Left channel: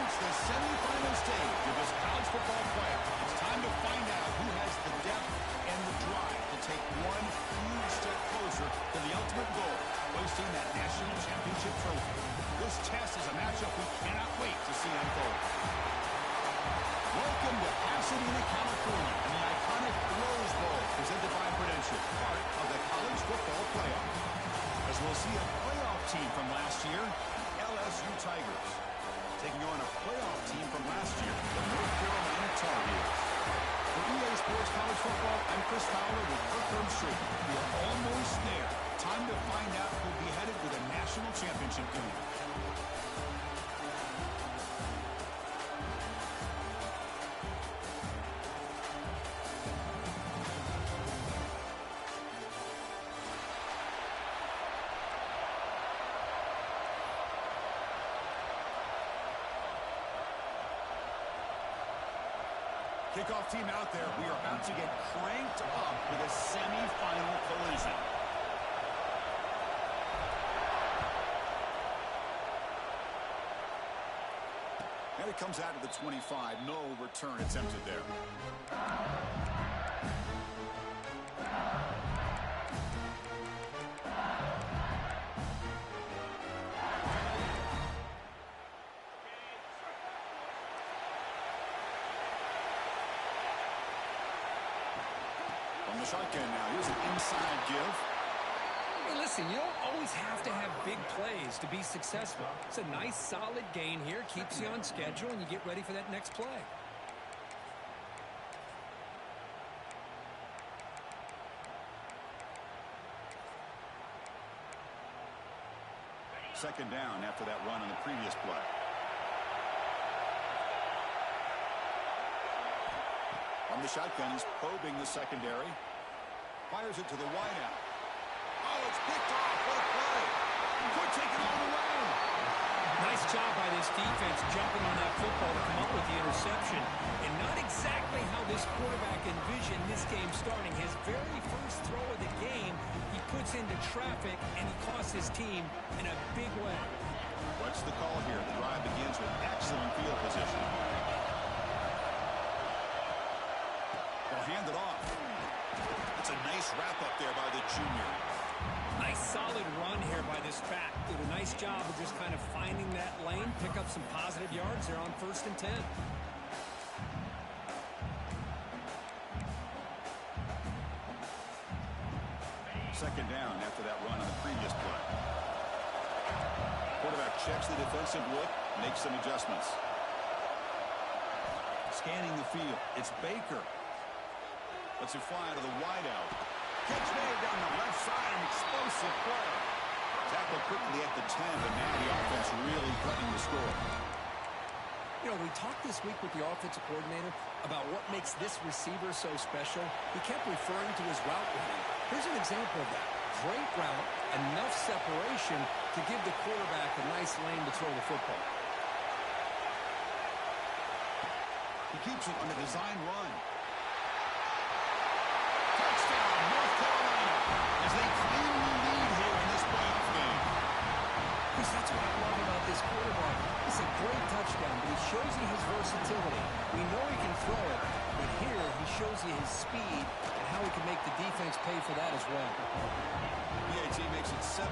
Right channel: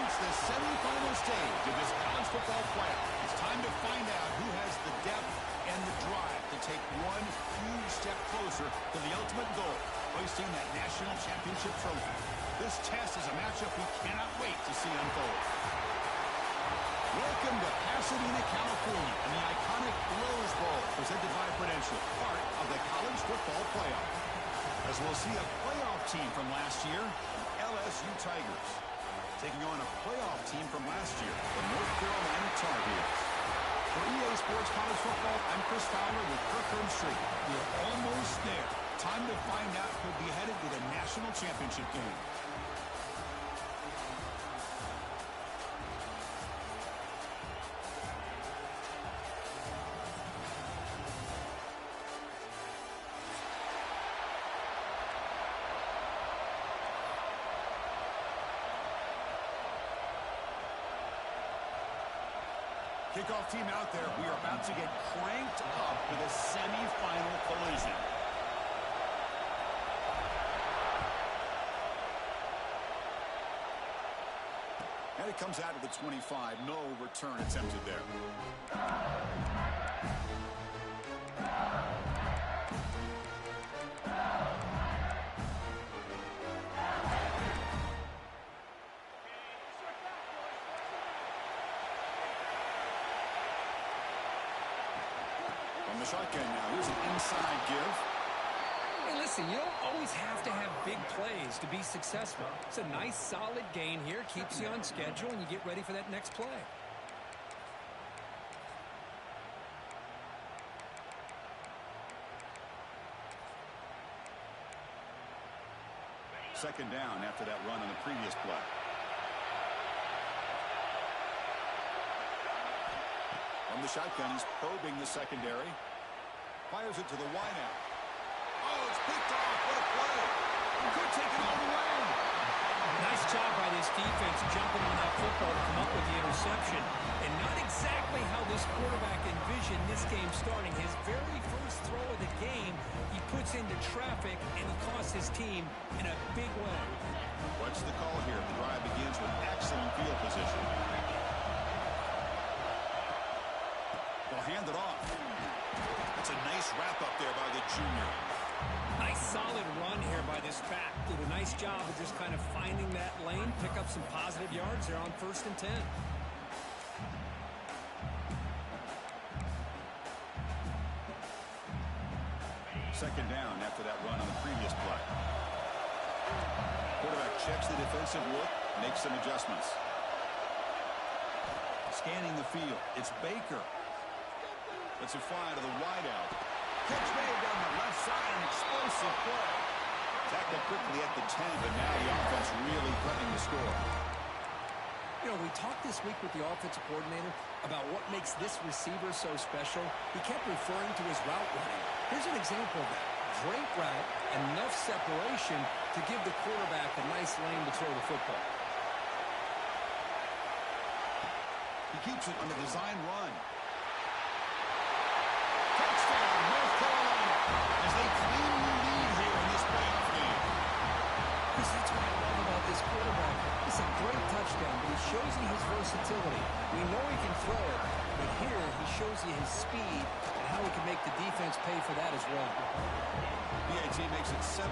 reached the semifinal stage of this college football playoff. It's time to find out who has the depth and the drive to take one huge step closer to the ultimate goal, hoisting that national championship trophy. This test is a matchup we cannot wait to see unfold. Welcome to Pasadena, California, and the iconic Rose Bowl presented by Prudential, part of the college football playoff. As we'll see a playoff team from last year, LSU Tigers, taking on a playoff team from last year, the North Carolina Tar Heels. For EA Sports College Football, I'm Chris Fowler with Kirk Herbstreit. We're almost there. Time to find out who'll be headed to the national championship game. Kickoff team out there. We are about to get cranked up with a semifinal collision. And it comes out to the 25. No return attempted there. The shotgun now. Here's an inside give. Hey, listen, you don't always have to have big plays to be successful. It's a nice, solid gain here. Keeps you on schedule, and you get ready for that next play. Second down after that run on the previous play. From the shotgun, he's probing the secondary. Fires it to the wideout. Oh, it's picked off. What a play. Could take it all the way. Nice job by this defense jumping on that football to come up with the interception. And not exactly how this quarterback envisioned this game starting. His very first throw of the game, he puts into traffic, and he costs his team in a big way. What's the call here? The drive begins with excellent field position. They'll hand it off. That's a nice wrap-up there by the junior. Nice solid run here by this back. Did a nice job of just kind of finding that lane, pick up some positive yards there on 1st and 10. Second down after that run on the previous play. Quarterback checks the defensive look, makes some adjustments. Scanning the field. It's Baker. Lets it fly to the wideout. Catch made down the left side, an explosive play. Tackled quickly at the 10, but now the offense really threatening to score. You know, we talked this week with the offensive coordinator about what makes this receiver so special. He kept referring to his route running. Here's an example of that. Great route, enough separation to give the quarterback a nice lane to throw the football. He keeps it on the design run. Touchdown, North Carolina, as they claim the lead here in this playoff game. Chris, that's what I love about this quarterback. It's a great touchdown, but he shows you his versatility. We know he can throw it, but here he shows you his speed and how he can make the defense pay for that as well. PAT makes it 7-0.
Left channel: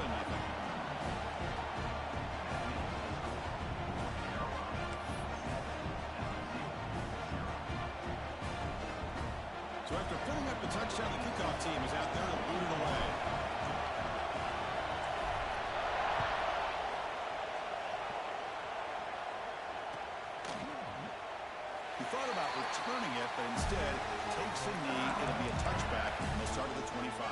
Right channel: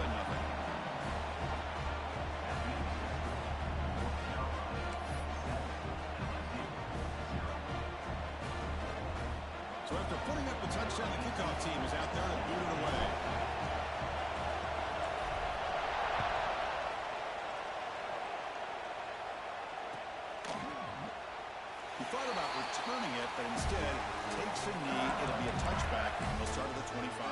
So after putting up the touchdown, the kickoff team is out there to boot it away. He thought about returning it, but instead takes a knee. It'll be a touchback, and they'll start at the 25.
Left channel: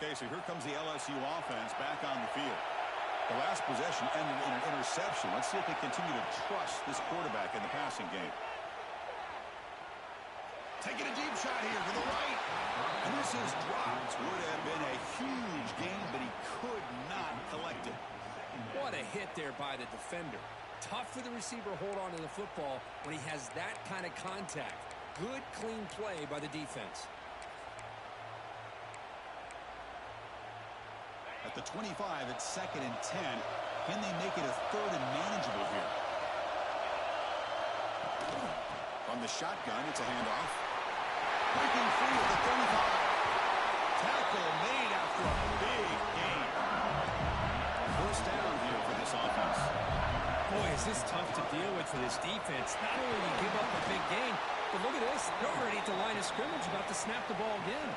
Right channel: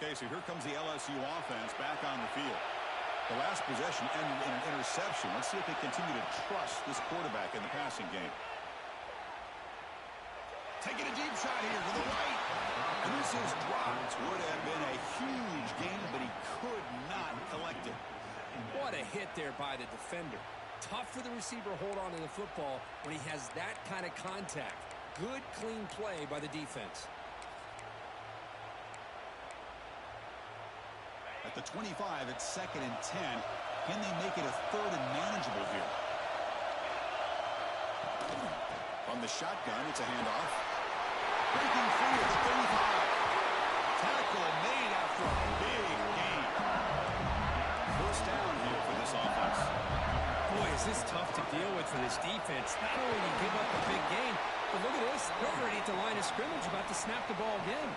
Okay, so here comes the LSU offense back on the field. The last possession ended in an interception. Let's see if they continue to trust this quarterback in the passing game. Taking a deep shot here to the right. And this is dropped. Would have been a huge gain, but he could not collect it. What a hit there by the defender. Tough for the receiver to hold on to the football when he has that kind of contact. Good, clean play by the defense. At the 25, it's 2nd and 10. Can they make it a 3rd and manageable here? From the shotgun, it's a handoff. Breaking free at the 35. Tackle made after a big gain. First down here for this offense. Boy, is this tough to deal with for this defense. Not only do you give up a big gain, but look at this. They're already at the line of scrimmage, about to snap the ball again.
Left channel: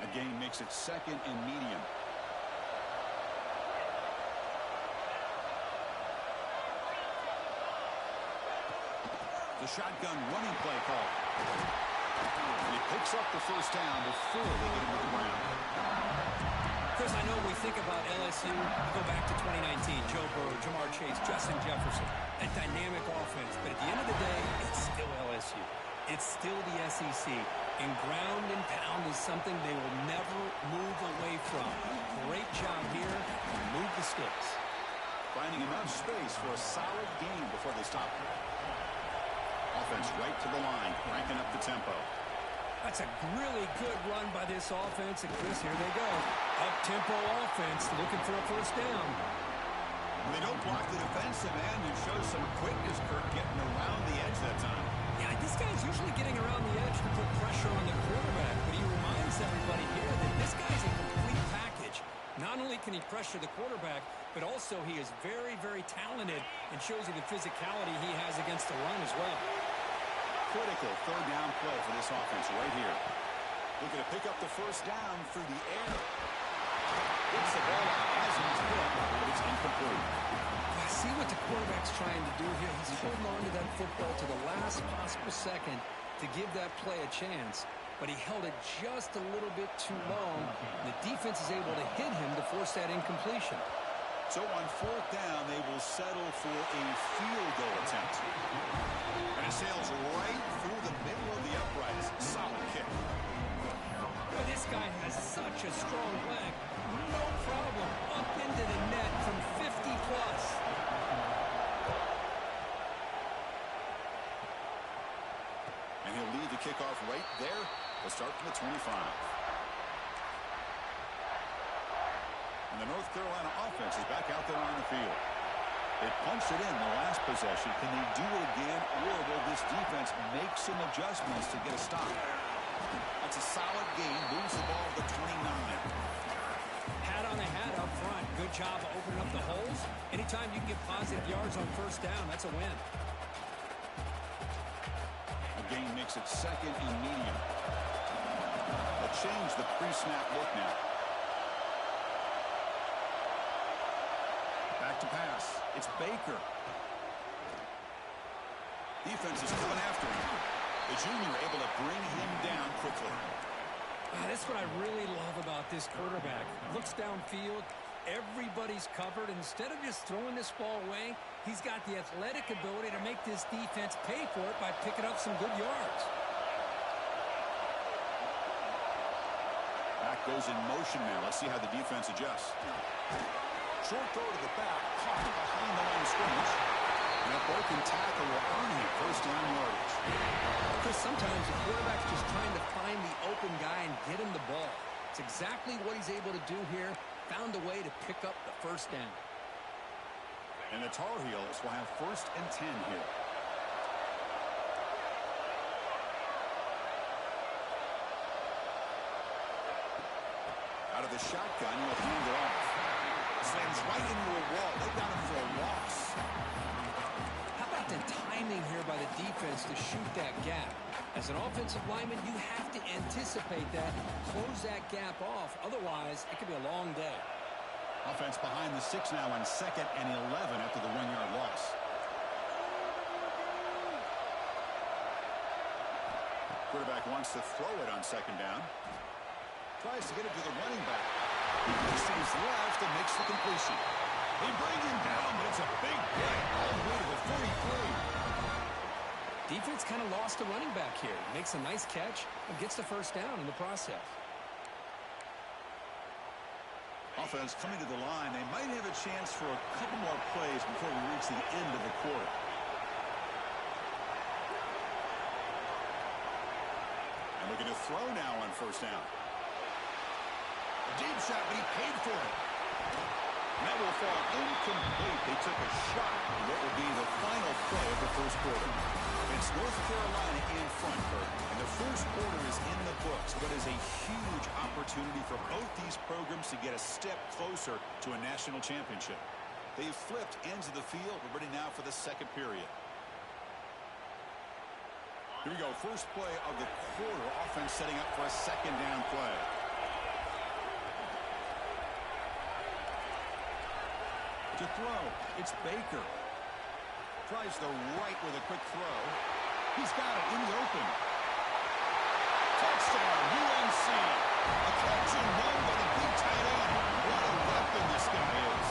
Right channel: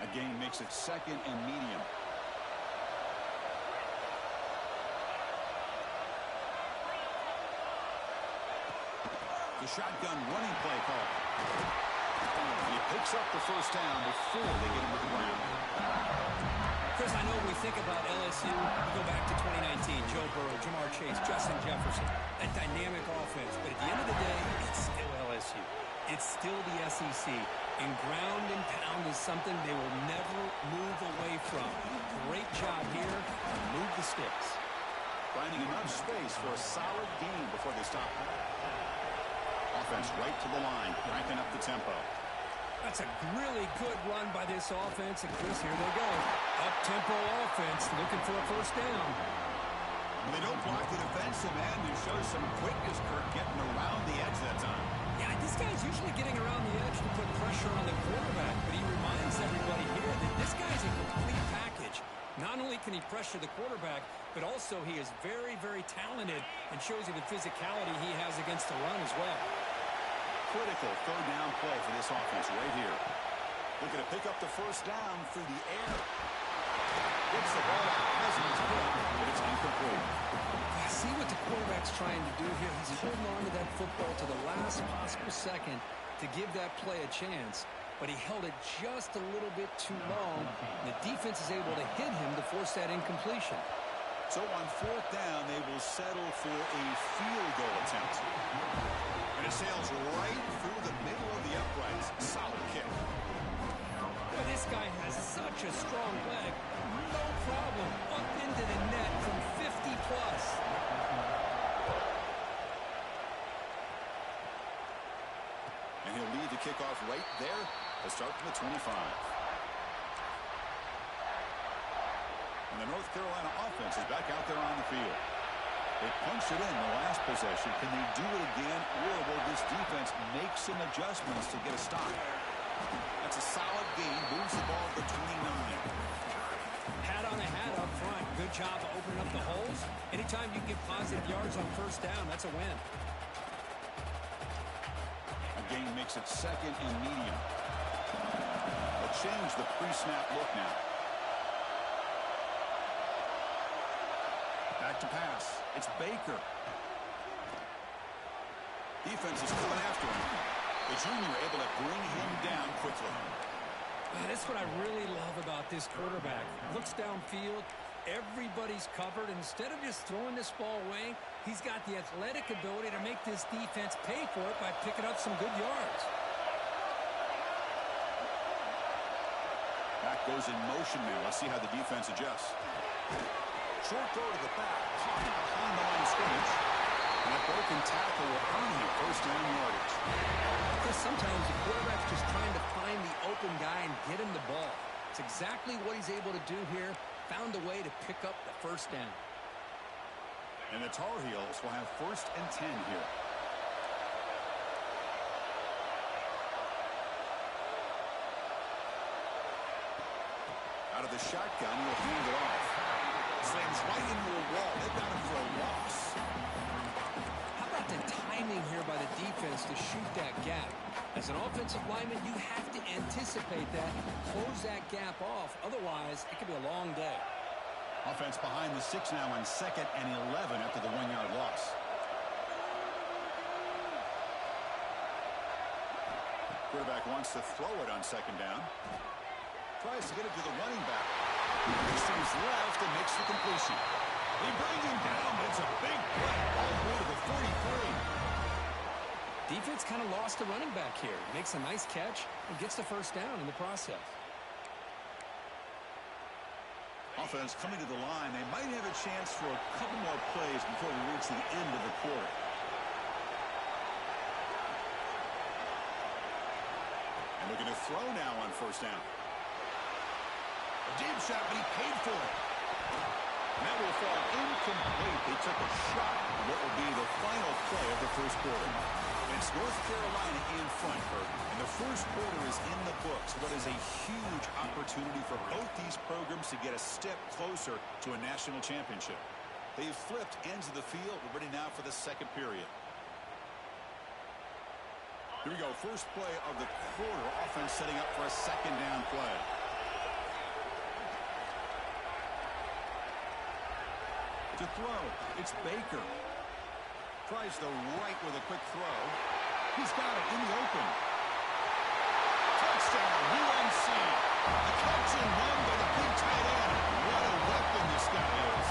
A gain makes it 2nd and medium. The shotgun running play call. And he picks up the first down before they get him to the ground. Chris, I know we think about LSU, we go back to 2019, Joe Burrow, Jamar Chase, Justin Jefferson, that dynamic offense. But at the end of the day, it's still LSU. It's still the SEC. And ground and pound is something they will never move away from. Great job here. Move the sticks. Finding enough space for a solid gain before they stop. Offense right to the line, cranking up the tempo. That's a really good run by this offense. And Chris, here they go. Up-tempo offense looking for a first down. Well, they don't block the defensive end and show some quickness, Kirk, getting around the edge that time. Yeah, this guy's usually getting around the edge to put pressure on the quarterback, but he reminds everybody here that this guy's a complete package. Not only can he pressure the quarterback, but also he is very, very talented and shows you the physicality he has against the run as well. Critical 3rd down play for this offense right here. Looking to pick up the first down through the air. Gets the ball out as he's hit, but it's incomplete. See what the quarterback's trying to do here. He's holding on to that football to the last possible second to give that play a chance. But he held it just a little bit too long. And the defense is able to hit him to force that incompletion. So on 4th down, they will settle for a field goal attempt. And it sails right through the middle of the uprights. Solid kick. But this guy has such a strong leg. No problem. Up into the net from 50 plus. And he'll lead the kickoff right there. They'll start from the 25. And the North Carolina offense is back out there on the field. They punched it in the last possession. Can they do it again, or will this defense make some adjustments to get a stop? That's a solid gain. Moves the ball to the 29. Hat on a hat up front. Good job of opening up the holes. Anytime you can get positive yards on first down, that's a win. A gain makes it 2nd and medium. They'll change the pre-snap look now. Back to pass. It's Baker. Defense is coming after him. The junior able to bring him down quickly. That's what I really love about this quarterback. Looks downfield. Everybody's covered. Instead of just throwing this ball away, he's got the athletic ability to make this defense pay for it by picking up some good yards. Back goes in motion now. Let's see how the defense adjusts. Short throw to the back, caught behind the line of scrimmage. And that broken tackle will earn him first down yardage. Chris, sometimes the quarterback's just trying to find the open guy and get him the ball. It's exactly what he's able to do here. Found a way to pick up the first down. And the Tar Heels will have 1st and 10 here. Out of the shotgun, he'll hand it off. Slams right into a wall. They've got him for a loss. How about the timing here by the defense to shoot that gap? As an offensive lineman, you have to anticipate that, close that gap off. Otherwise, it could be a long day. Offense behind the 6 now on 2nd and 11 after the 1-yard loss. Quarterback wants to throw it on 2nd down. Tries to get it to the running back. Looks to his left and makes the completion. They bring him down, but it's a big play all the way to the 43. Defense kind of lost the running back here. Makes a nice catch and gets the first down in the process. Offense coming to the line. They might have a chance for a couple more plays before we reach the end of the quarter. And looking to throw now on first down. A deep shot, but he paid for it. And that will fall incomplete. They took a shot at what will be the final play of the first quarter. And it's North Carolina in front, Kurt. And the first quarter is in the books. What is a huge opportunity for both these programs to get a step closer to a national championship. They've flipped ends of the field. We're ready now for the second period. Here we go. First play of the quarter. Offense setting up for a second down play. To throw, it's Baker. Tries the right with a quick throw. He's got it in the open. Touchdown, UNC. A catch and run by the big tight end. What a weapon this guy is.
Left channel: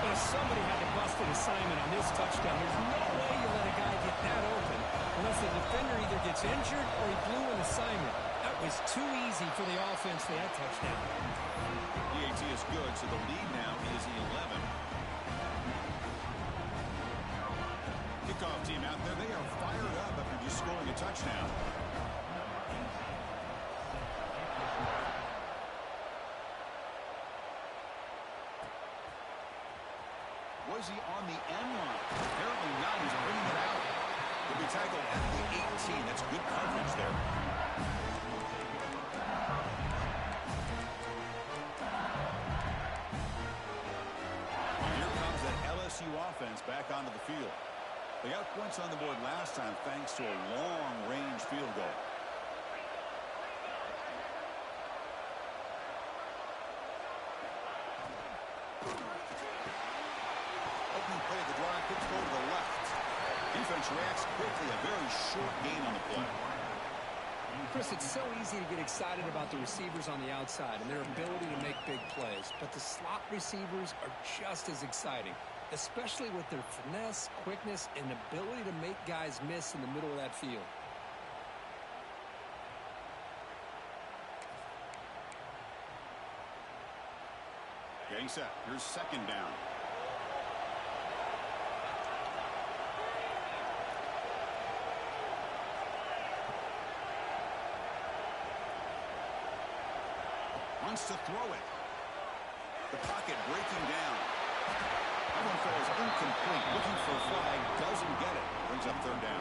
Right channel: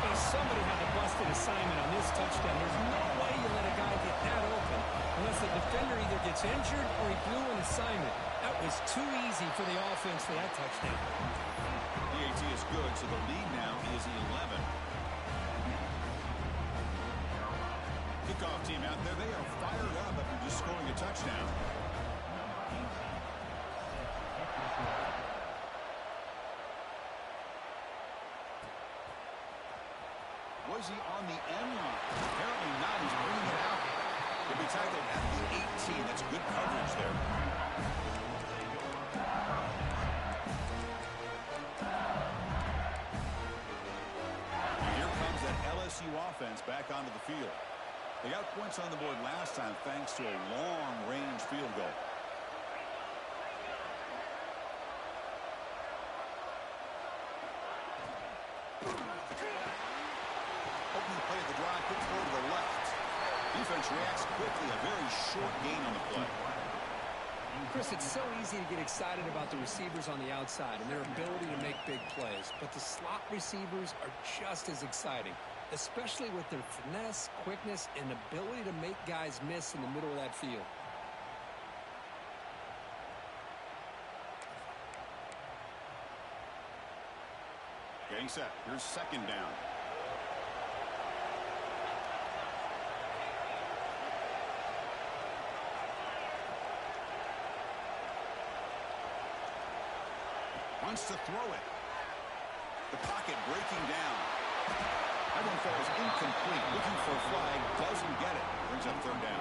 Well, somebody had to bust an assignment on this touchdown. There's no way you let a guy get that open unless the defender either gets injured or he blew an assignment. That was too easy for the offense for that touchdown. The AT is good, so the lead now is 11. Kickoff team out there. They are fired up after just scoring a touchdown. Was he on the end line? Apparently not. He's bringing it out. He'll be tackled at the 18. That's good coverage there. And here comes that LSU offense back onto the field. They got points on the board last time thanks to a long-range field goal. Opening play of the drive, quick throw to the left. Defense reacts quickly, a very short gain on the play. Chris, it's so easy to get excited about the receivers on the outside and their ability to make big plays, but the slot receivers are just as exciting, especially with their finesse, quickness, and ability to make guys miss in the middle of that field. Getting set. Here's second down. Wants to throw it. The pocket breaking down. That one falls incomplete. Looking for a flag. Doesn't get it. Brings up third down.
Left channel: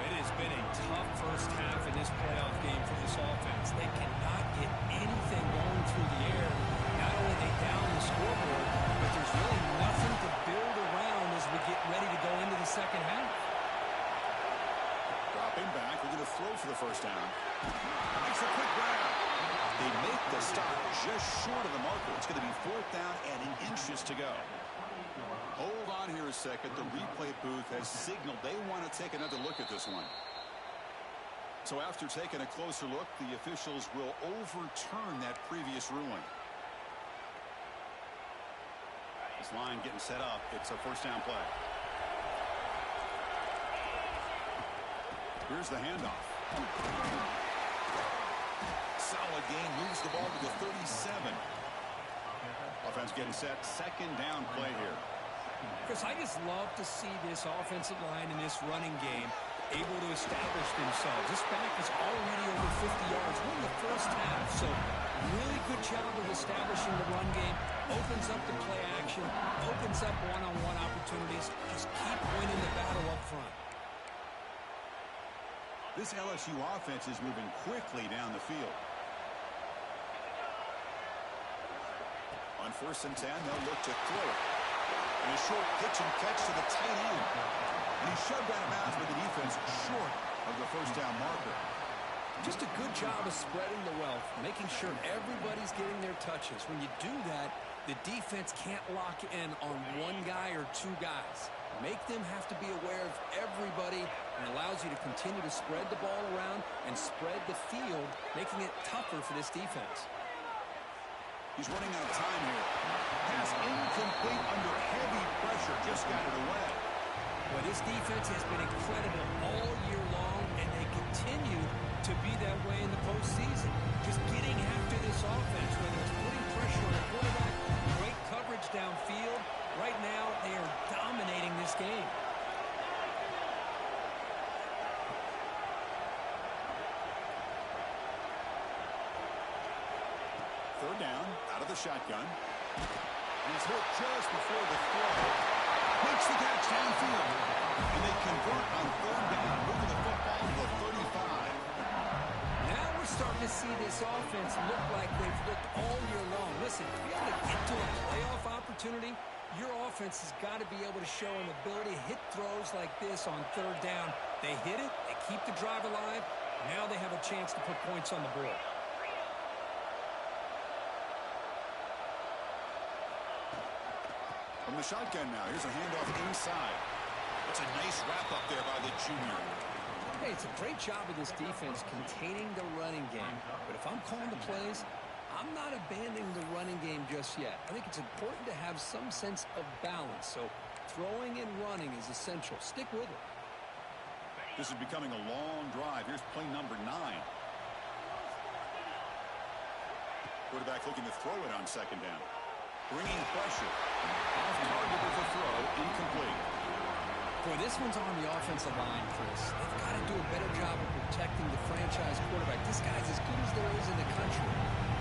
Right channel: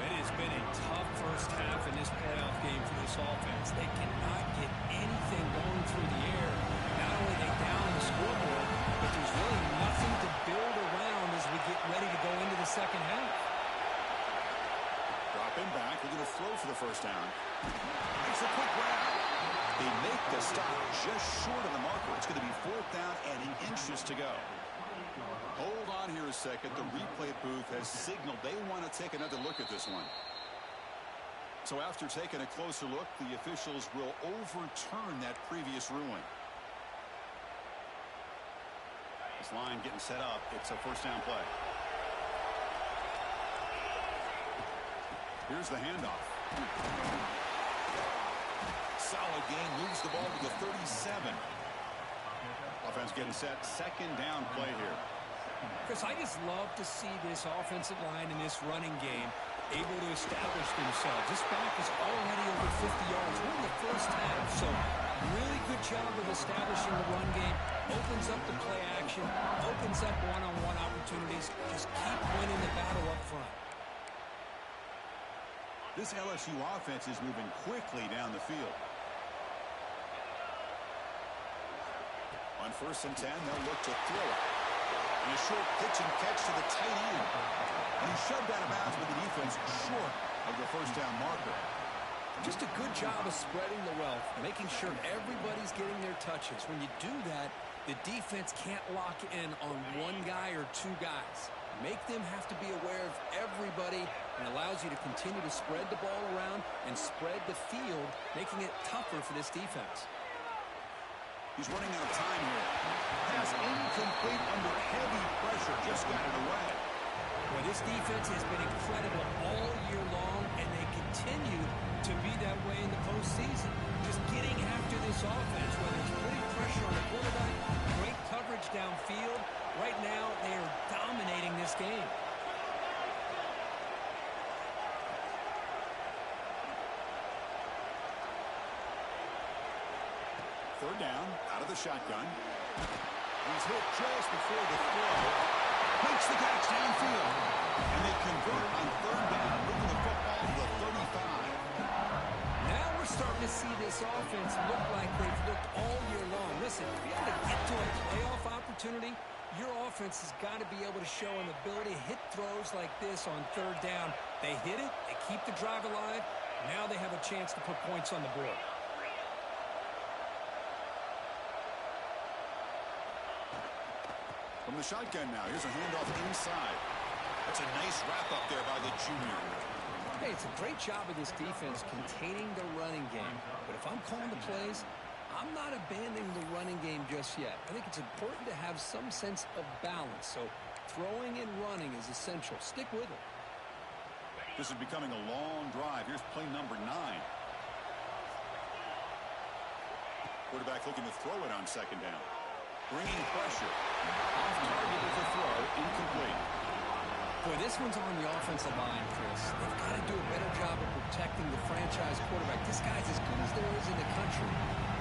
It has been a tough first half in this playoff game for this offense. They cannot get anything going through the air. Not only are they down the scoreboard, but there's really nothing to build around as we get ready to go into the second half. Dropping back. Looking to throw for the first down. Makes a quick grab. They make the stop just short of the marker. It's going to be fourth down and inches to go. Hold on here a second. The replay booth has signaled they want to take another look at this one. So after taking a closer look, the officials will overturn that previous ruling. This line getting set up. It's a first down play. Here's the handoff. Solid gain, moves the ball to the 37. Offense getting set, second down play here. Chris, I just love to see this offensive line in this running game able to establish themselves. This back is already over 50 yards. We're in the first half, so really good job of establishing the run game. Opens up the play action, opens up one-on-one opportunities. Just keep winning the battle up front. This LSU offense is moving quickly down the field. On 1st and 10, they'll look to throw it. And a short pitch and catch to the tight end. And he's shoved out of bounds with the defense short of the first down marker. Just a good job of spreading the wealth, making sure everybody's getting their touches. When you do that, the defense can't lock in on one guy or two guys. Make them have to be aware of everybody, and allows you to continue to spread the ball around and spread the field, making it tougher for this defense. He's running out of time here. Pass incomplete under heavy pressure. Just got it away. Well, this defense has been incredible all year long, and they continue to be that way in the postseason. Just getting after this offense, whether it's putting pressure on the quarterback, great coverage downfield. Right now, they are dominating this game. Third down, out of the shotgun. He's hit just before the throw. Makes the catch downfield. And they convert on third down, moving the football to the 35. Now we're starting to see this offense look like they've looked all year long. Listen, to be able to get to a playoff opportunity, your offense has got to be able to show an ability to hit throws like this on third down. They hit it, they keep the drive alive. Now they have a chance to put points on the board. From the shotgun now, here's a handoff inside. That's a nice wrap up there by the junior. Hey, it's a great job of this defense containing the running game. But if I'm calling the plays, I'm not abandoning the running game just yet. I think it's important to have some sense of balance. So throwing and running is essential. Stick with it. This is becoming a long drive. Here's play number 9. Quarterback looking to throw it on second down. Bringing pressure. Off target with the throw. Incomplete. Boy, this one's on the offensive line, Chris. They've got to do a better job of protecting the franchise quarterback. This guy's as good as there is in the country,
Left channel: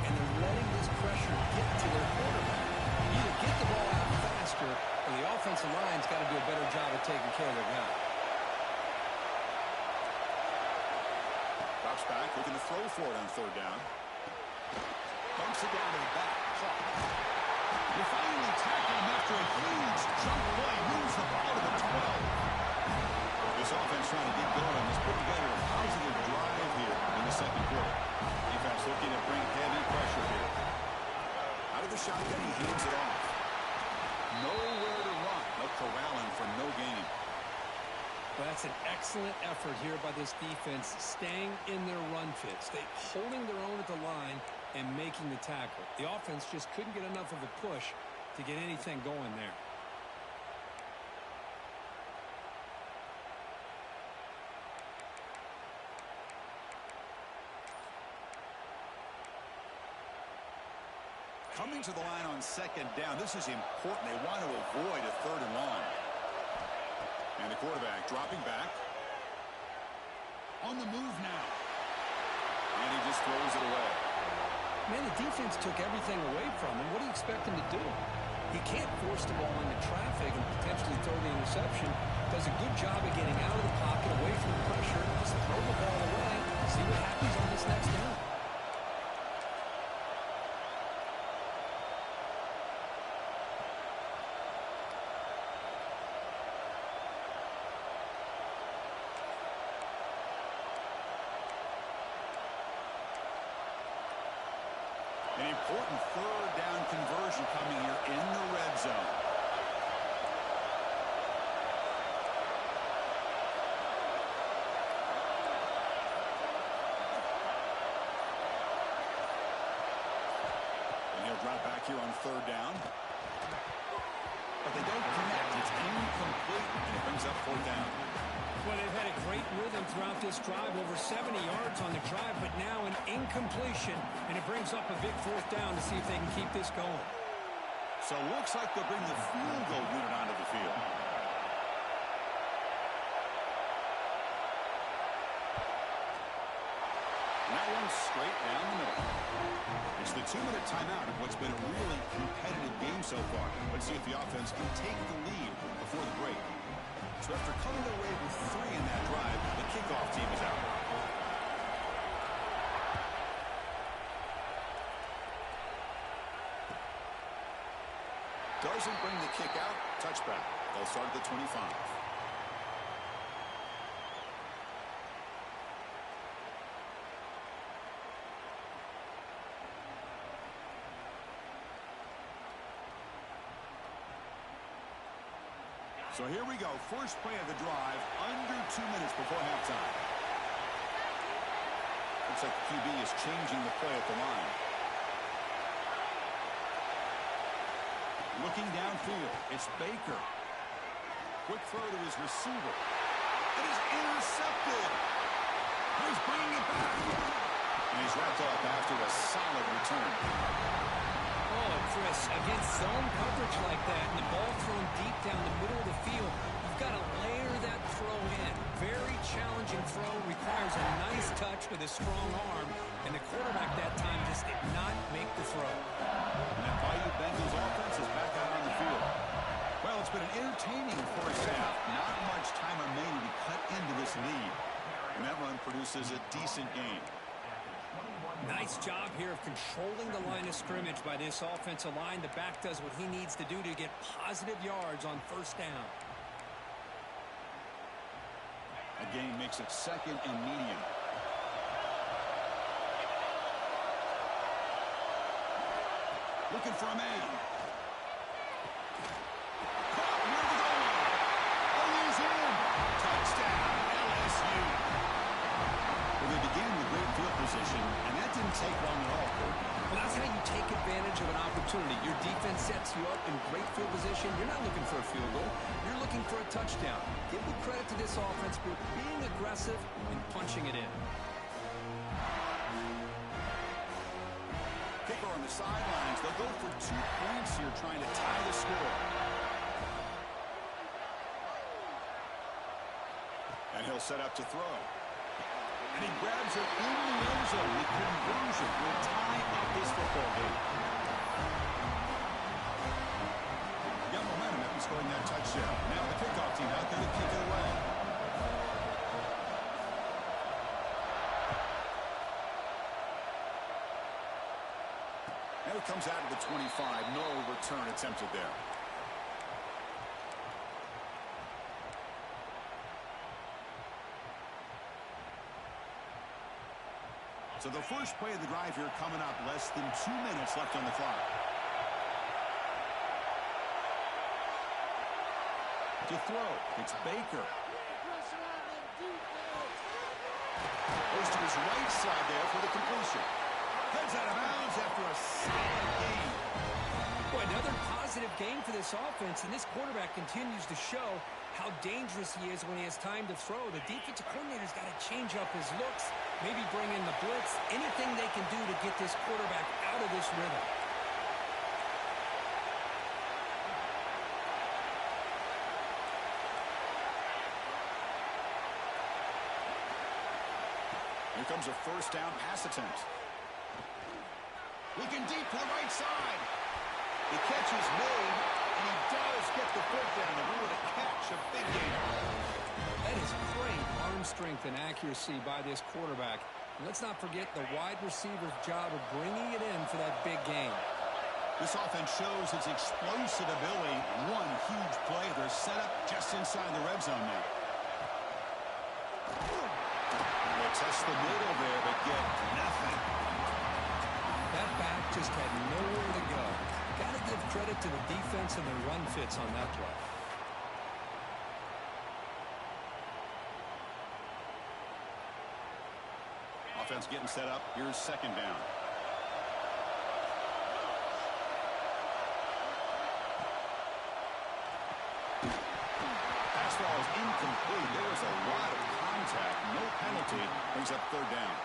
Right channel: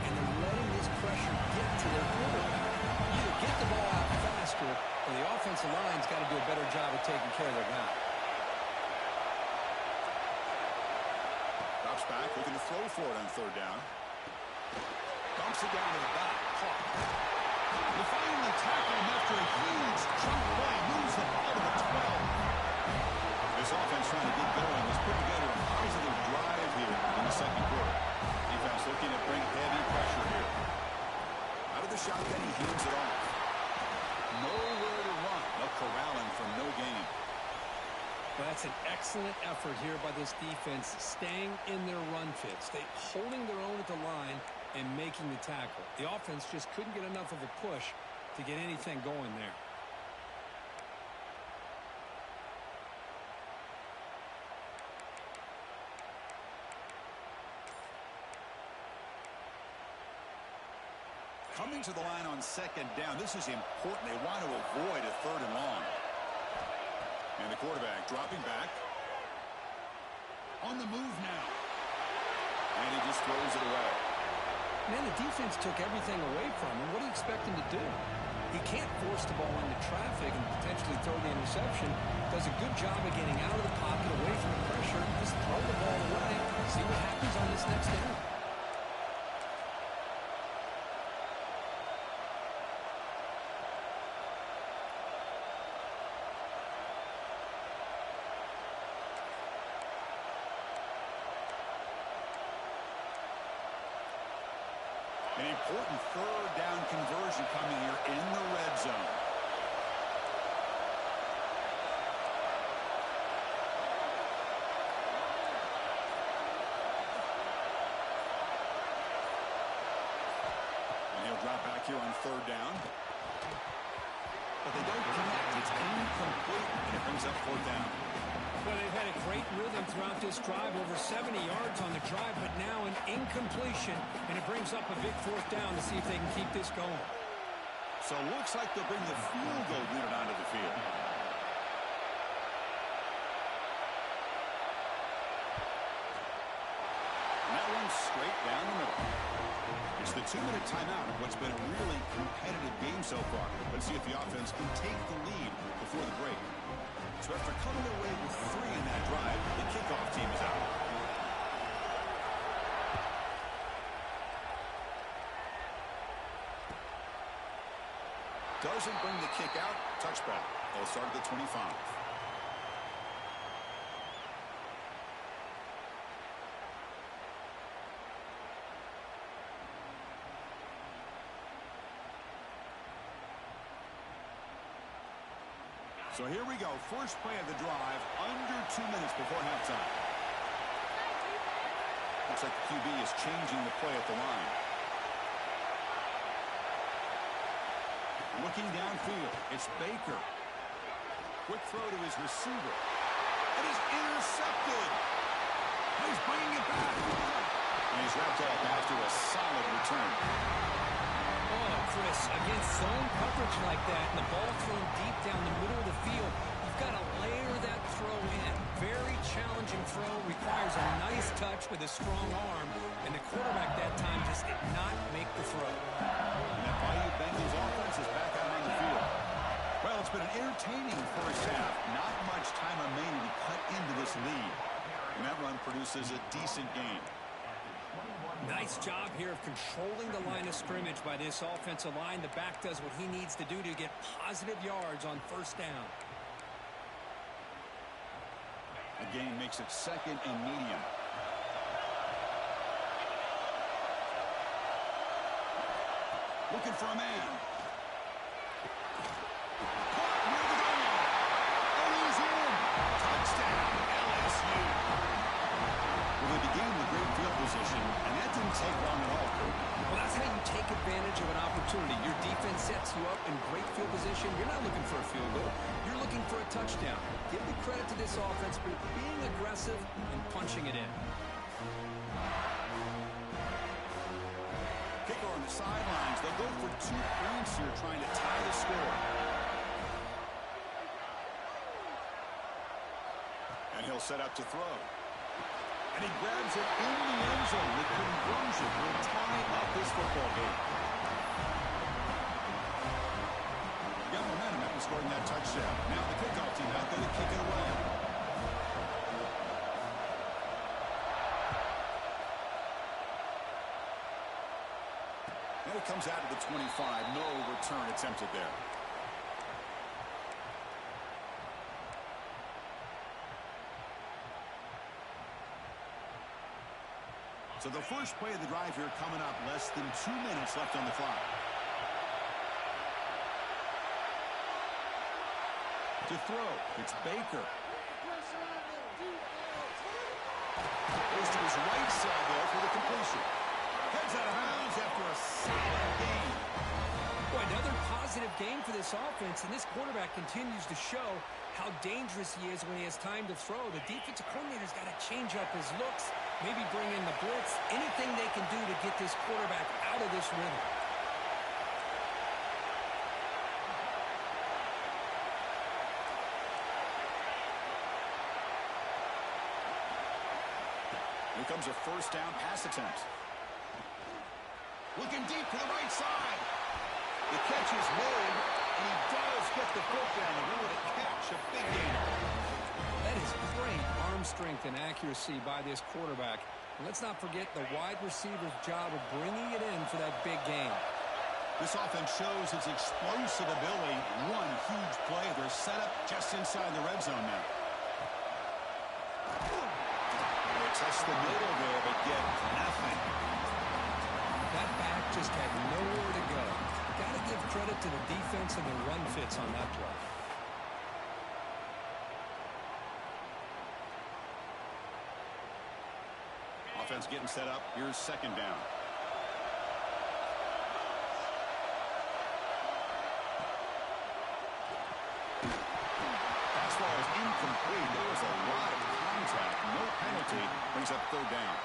and they're letting this pressure get to their quarterback. Either get the ball out faster, or the offensive line's got to do a better job of taking care of their guy. Drops back, looking to throw for it on third down. Bumps it down to the back. Caught. You finally tackle him after a huge chunk play. Moves the ball to the 12. This offense trying to get going. Has put together a positive drive here in the second quarter. Defense looking to bring heavy pressure here. Out of the shotgun, he hands it off. Nowhere to run. They'll corral him for no gain. Well, that's an excellent effort here by this defense, staying in their run fits. They holding their own at the line and making the tackle. The offense just couldn't get enough of a push to get anything going there. Coming to the line on second down. This is important. They want to avoid a third and long. And the quarterback dropping back. On the move now. And he just throws it away. Man, the defense took everything away from him. What do you expect him to do? He can't force the ball into traffic and potentially throw the interception. Does a good job of getting out of the pocket, away from the pressure, just throw the ball away. See what happens on this next down. An important third down conversion coming here in the red zone. And he'll drop back here on third down. But they don't connect. It's incomplete, and it brings up fourth down. Well, they've had a great rhythm throughout this drive, over 70 yards on the drive, but now an incompletion, and it brings up a big fourth down to see if they can keep this going. So it looks like they'll bring the field goal unit onto the field. And that one's straight down the middle. It's the 2-minute timeout of what's been a really competitive game so far. Let's see if the offense can take the lead before the break. So after coming away with 3 in that drive, the kickoff team is out. Doesn't bring the kick out. Touchback. They'll start at the 25. So here we go. First play of the drive, under 2 minutes before halftime. Looks like the QB is changing the play at the line. Looking downfield, it's Baker. Quick throw to his receiver. It is intercepted. He's bringing it back. And he's wrapped up after a solid return. Oh, Chris, against zone coverage like that and the ball thrown deep down the middle of the field, you've got to layer that throw in. Very challenging throw, requires a nice touch with a strong arm, and the quarterback that time just did not make the throw. And that Bayou Bengals offense is back out on the field. Well, it's been an entertaining first half. Not much time remaining to cut into this lead. And that run produces a decent gain. Nice job here of controlling the line of scrimmage by this offensive line. The back does what he needs to do to get positive yards on first down. A gain makes it 2nd and medium. Looking for a man. Caught near the goal line. Oh, he's in. Touchdown, LSU. Well, they began with great field position, and that didn't take long at all, Coach. Well, that's how you take advantage of an opportunity. Your defense sets you up in great field position. You're not looking for a field goal. You're looking for a touchdown. Give the credit to this offense for being aggressive and punching it in. Kicker on the sidelines. They'll go for 2 points here, trying to tie the score. And he'll set up to throw. And he grabs it in the end zone. The conversion will tie up this football game. He got momentum after scoring that touchdown. Now the kickoff team out there to kick it away. And it comes out of the 25. No return attempted there. So the first play of the drive here coming up, less than 2 minutes left on the clock. To throw, it's Baker. Goes to his right side there for the completion. Heads out of bounds after a solid game. Boy, another positive game for this offense, and this quarterback continues to show how dangerous he is when he has time to throw. The defensive coordinator's got to change up his looks, maybe bring in the blitz, anything they can do to get this quarterback out of this rhythm. Here comes a first down pass attempt. Looking deep to the right side. The catch is made, and he does get the foot down to rule it a catch, a big gain. That is great arm strength and accuracy by this quarterback. And let's not forget the wide receiver's job of bringing it in for that big gain. This offense shows its explosive ability. One huge play. They're set up just inside the red zone now. They test the middle there, but get nothing. That back just had nowhere to go. Got to give credit to the defense and the run fits on that play. Offense getting set up. Here's second down. Pass ball is incomplete. There was a lot of contact. No penalty. Brings up third down.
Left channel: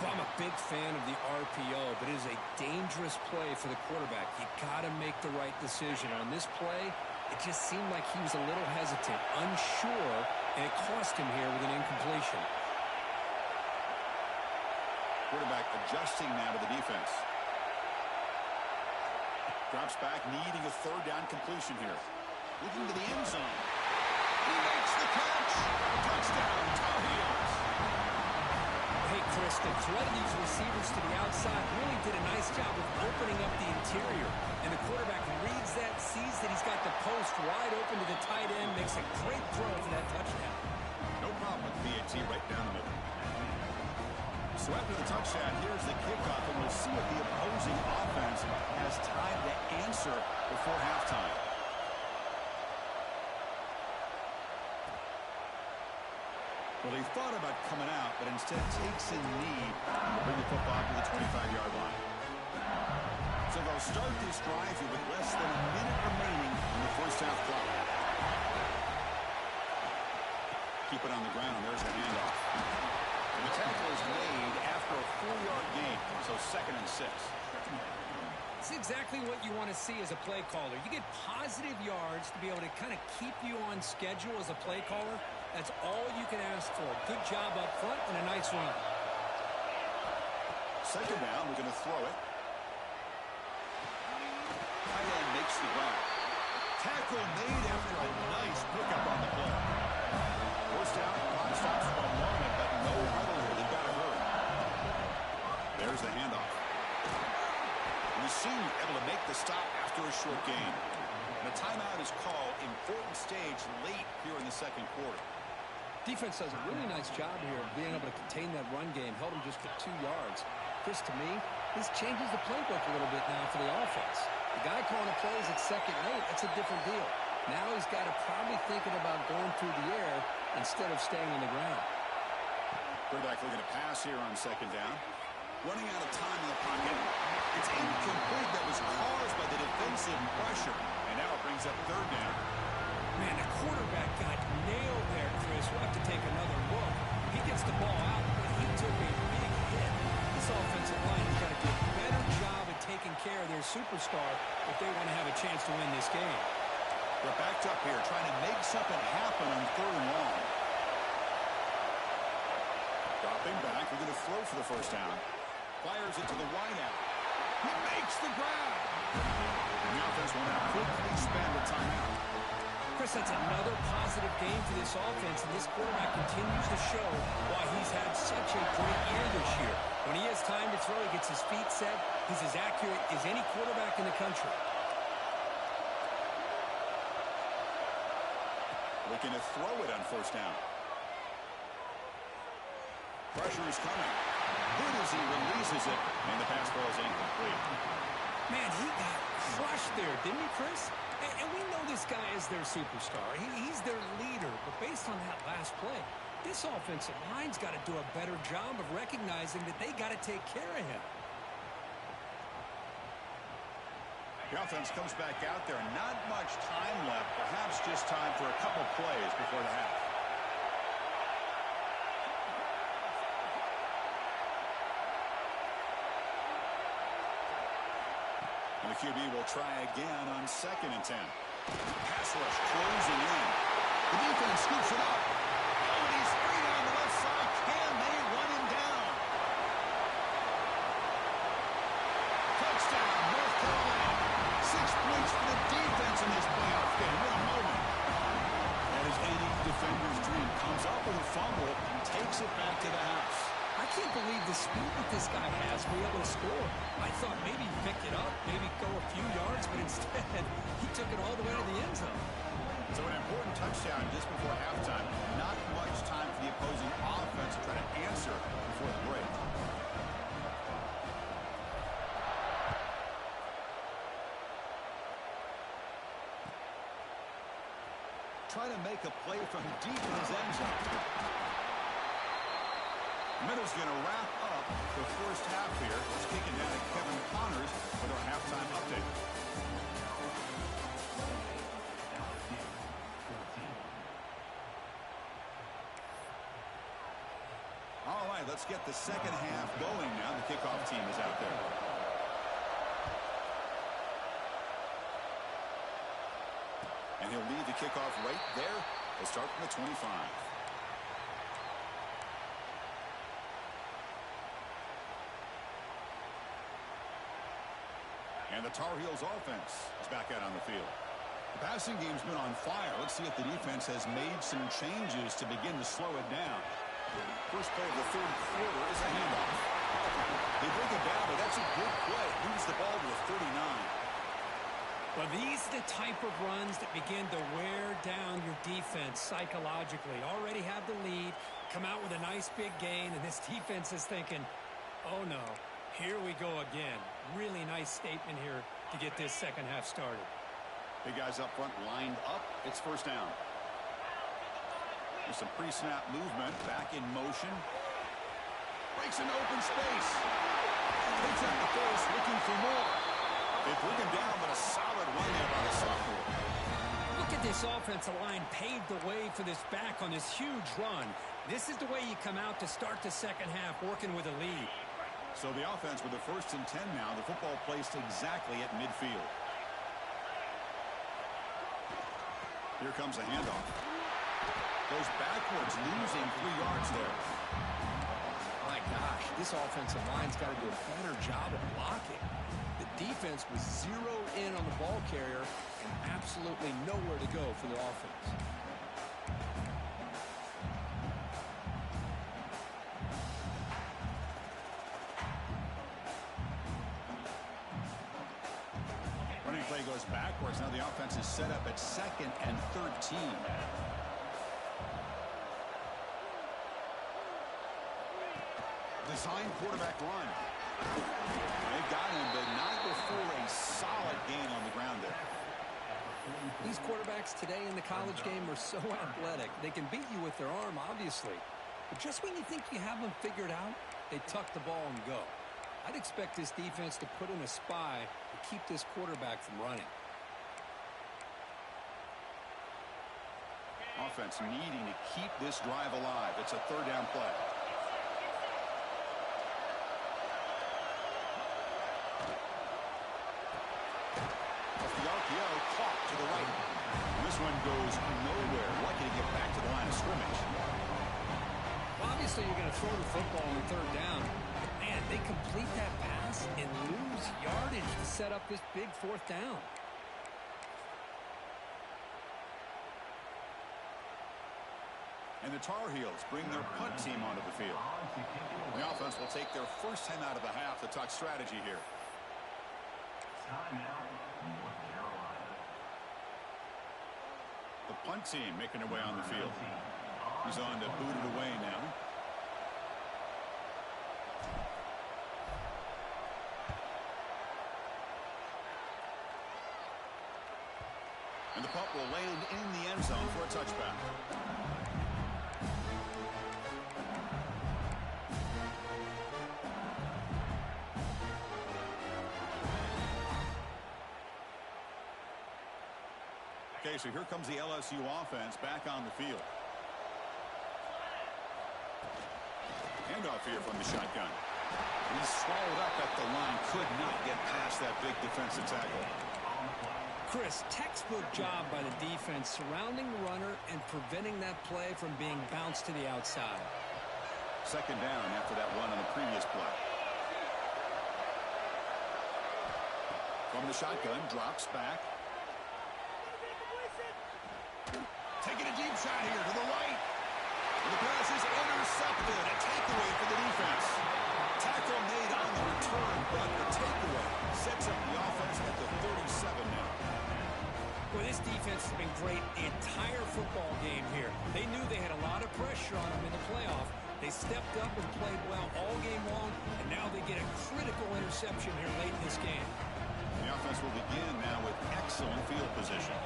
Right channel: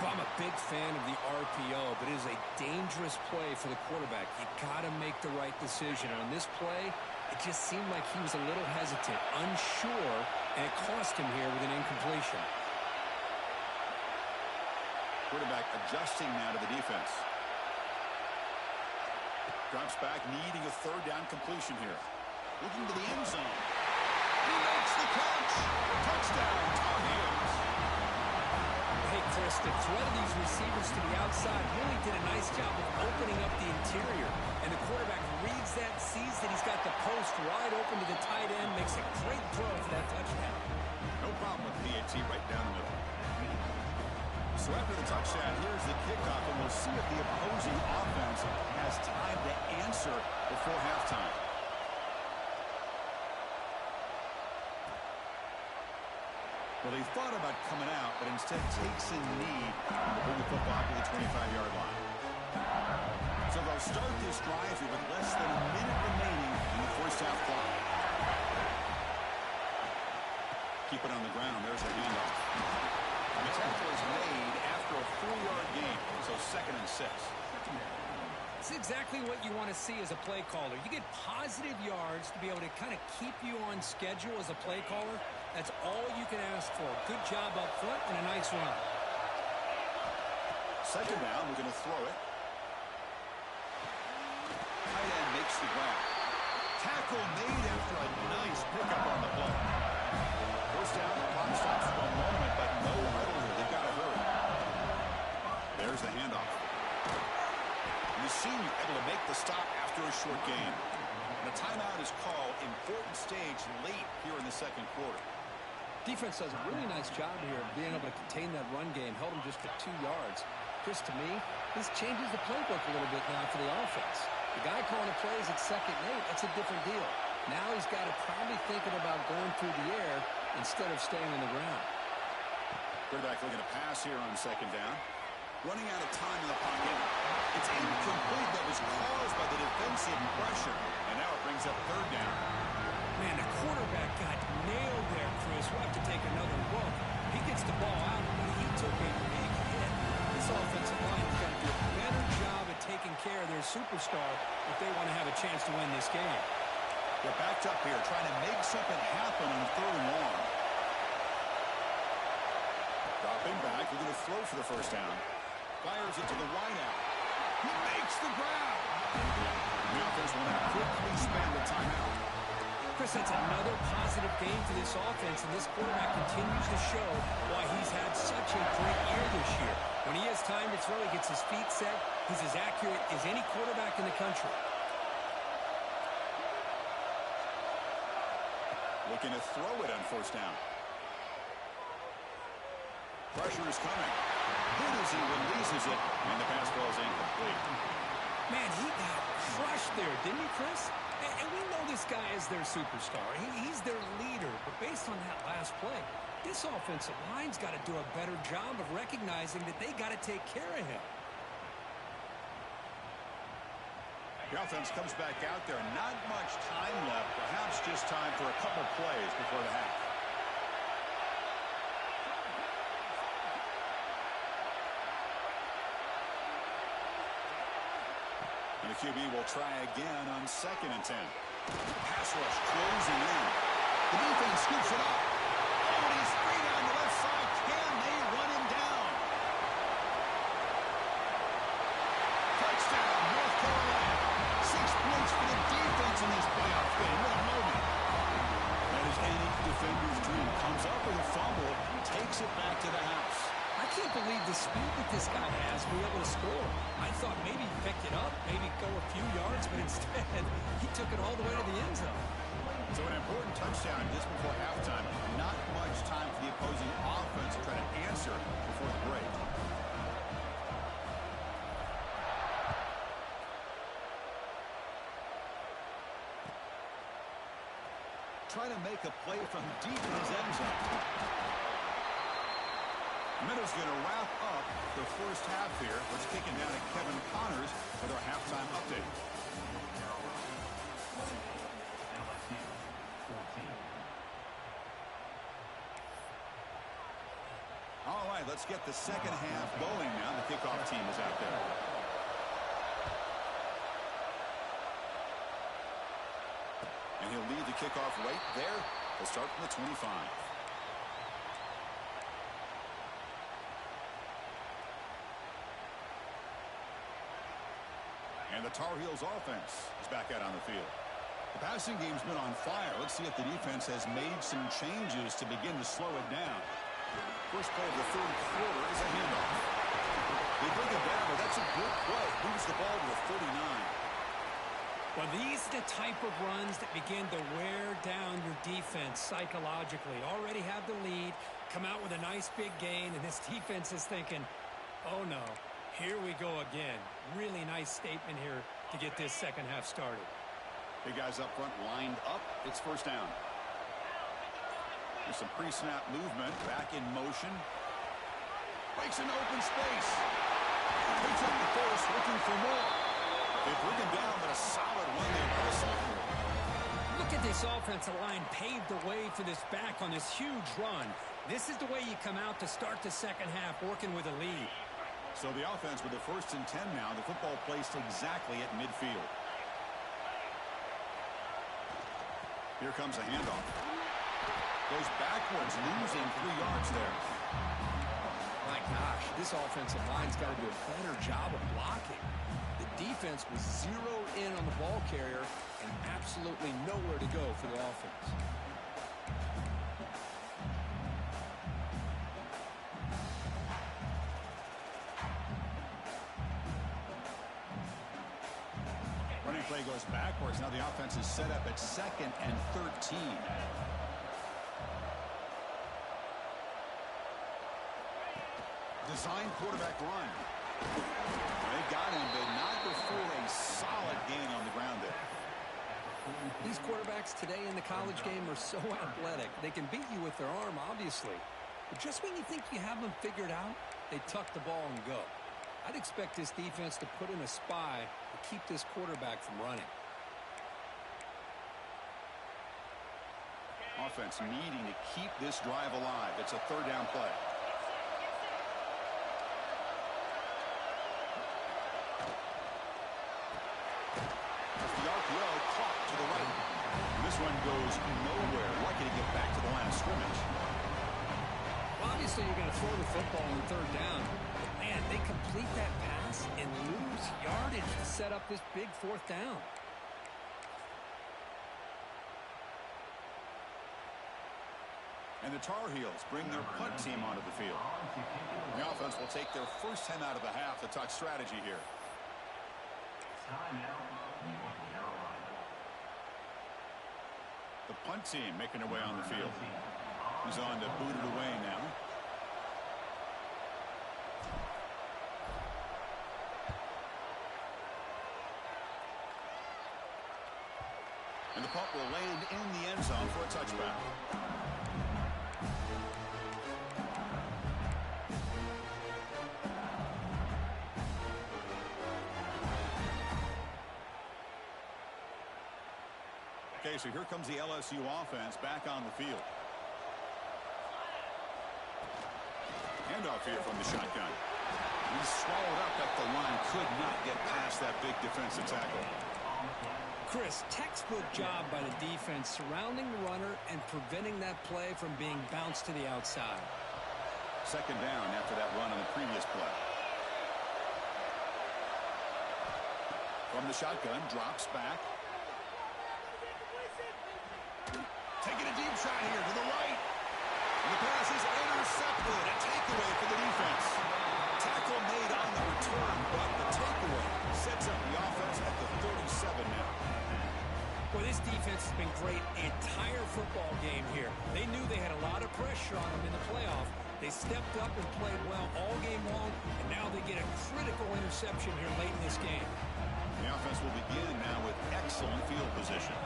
Well, I'm a big fan of the RPO, but it is a dangerous play for the quarterback. You got to make the right decision. On this play, it just seemed like he was a little hesitant, unsure, and it cost him here with an incompletion. Quarterback adjusting now to the defense. Drops back, needing a third down completion here. Looking to the end zone. He makes the catch. Touchdown, Tar Heels. Hey, Chris, the threat of these receivers to the outside really did a nice job of opening up the interior. And the quarterback reads that, sees that he's got the post wide open to the tight end, makes a great throw for that touchdown. No problem with PAT right down the middle. So after the touchdown, here's the kickoff, and we'll see if the opposing offense has time to answer before halftime. Well, he thought about coming out, but instead takes a knee to bring the football to the 25-yard line. So they'll start this drive here with less than a minute remaining on the first half clock. keep it on the ground. There's the handoff. And the tackle is made after a 4-yard gain, so 2nd and 6. It's exactly what you want to see as a play caller. You get positive yards to be able to kind of keep you on schedule as a play caller. That's all you can ask for. Good job up front and a nice run. 2nd down, we're going to throw it. Tight end makes the grab. Tackle made after a nice pickup on the play. 1st down, clock stops for a moment, but no huddle here. They've got to hurry. There's the handoff. And the senior able to make the stop after a short gain. And a timeout is called. Important stage late here in the 2nd quarter. Defense does a really nice job here of being able to contain that run game. Held them just to 2 yards. Chris, to me, this changes the playbook a little bit now for the offense. The guy calling the plays at 2nd and 8, that's a different deal. Now he's got to probably thinking about going through the air instead of staying on the ground. Quarterback looking to pass here on 2nd down. Running out of time in the pocket. It's incomplete. That was caused by the defensive pressure. And now it brings up 3rd down. Man, the quarterback got nailed there, Chris. We'll have to take another look. He gets the ball out, but he took a big hit. This offensive line has got to do a better job at taking care of their superstar if they want to have a chance to win this game. We're backed up here trying to make something happen on 3rd and long. Dropping back. We're going to throw for the 1st down. Fires it to the wideout. He makes the grab. And the offense will now quickly spend the timeout. Chris, that's another positive game for this offense, and this quarterback continues to show why he's had such a great year this year. When he has time to throw, he gets his feet set. He's as accurate as any quarterback in the country. Looking to throw it on 1st down. Pressure is coming. Good as he releases it, and the pass ball is incomplete. Man, he got crushed there, didn't he, Chris? And we know this guy is their superstar. He's their leader. But based on that last play, this offensive line's got to do a better job of recognizing that they got to take care of him. The offense comes back out there. Not much time left. Perhaps just time for a couple plays before the half. And the QB will try again on 2nd and 10. Pass rush closing in. The defense scoops it up. Oh, and he's free down the left side. Can they run him down? Touchdown, North Carolina. 6 points for the defense in this playoff game. What a moment. That is any defender's dream. Comes up with a fumble, takes it back to the house. I can't believe the speed that this guy has to be able to score. I thought maybe he picked it up, maybe go a few yards, but instead he took it all the way to the end zone. So an important touchdown just before halftime. Not much time for the opposing offense to try to answer before the break. Trying to make a play from deep in his end zone. Minnows going to wrap up the 1st half here. Let's kick it down to Kevin Connors with our halftime update. All right, let's get the 2nd half going now. The kickoff team is out there. And he'll lead the kickoff right there. He'll start from the 25. And the Tar Heels offense is back out on the field. The passing game's been on fire. Let's see if the defense has made some changes to begin to slow it down. First play of the 3rd quarter is a handoff. They bring it down, but that's a good play. Moves the ball to the 39. Well, these are the type of runs that begin to wear down your defense psychologically. Already have the lead, come out with a nice big gain, and this defense is thinking, oh no, here we go again. Really nice statement here to get this 2nd half started. Big guys up front lined up. It's 1st down. There's some pre-snap movement. Back in motion. Breaks into open space. Takes up the first, looking for more. They bring him down, but a solid run there by the sophomore. Look at this offensive line paved the way for this back on this huge run. This is the way you come out to start the second half, working with a lead. So the offense with the 1st and 10 now. The football placed exactly at midfield. Here comes a handoff. Goes backwards, losing 3 yards there. My gosh, this offensive line's got to do a better job of blocking. The defense was zeroed in on the ball carrier and absolutely nowhere to go for the offense. Running play goes backwards. Now the offense is set up at 2nd and 13. Design quarterback run. They got him, but not before a solid gain on the ground there. These quarterbacks today in the college game are so athletic. They can beat you with their arm, obviously. But just when you think you have them figured out, they tuck the ball and go. I'd expect this defense to put in a spy to keep this quarterback from running. Offense needing to keep this drive alive. It's a 3rd down play. The RPO caught to the right. And this one goes nowhere. Lucky to get back to the line of scrimmage. Well, obviously, you're going to throw the football on 3rd down. But, man, they complete that pass and lose yardage to set up this big 4th down. And the Tar Heels bring their punt team onto the field. The offense will take their first time out of the half to talk strategy here. The punt team making their way on the field. He's on to boot it away now. And the punt will land in the end zone for a touchback. Okay, so here comes the LSU offense back on the field. Handoff here from the shotgun. He's swallowed up at the line. Could not get past that big defensive tackle. Chris, textbook job by the defense surrounding the runner and preventing that play from being bounced to the outside. 2nd down after that run on the previous play. From the shotgun, drops back. Taking a deep shot here to the right. And the pass is intercepted. A takeaway for the defense. Tackle made on the return, but the takeaway sets up the offense at the 37 now. Well, this defense has been great the entire football game here. They knew they had a lot of pressure on them in the playoff. They stepped up and played well all game long, and now they get a critical interception here late in this game. The offense will begin now with excellent field position.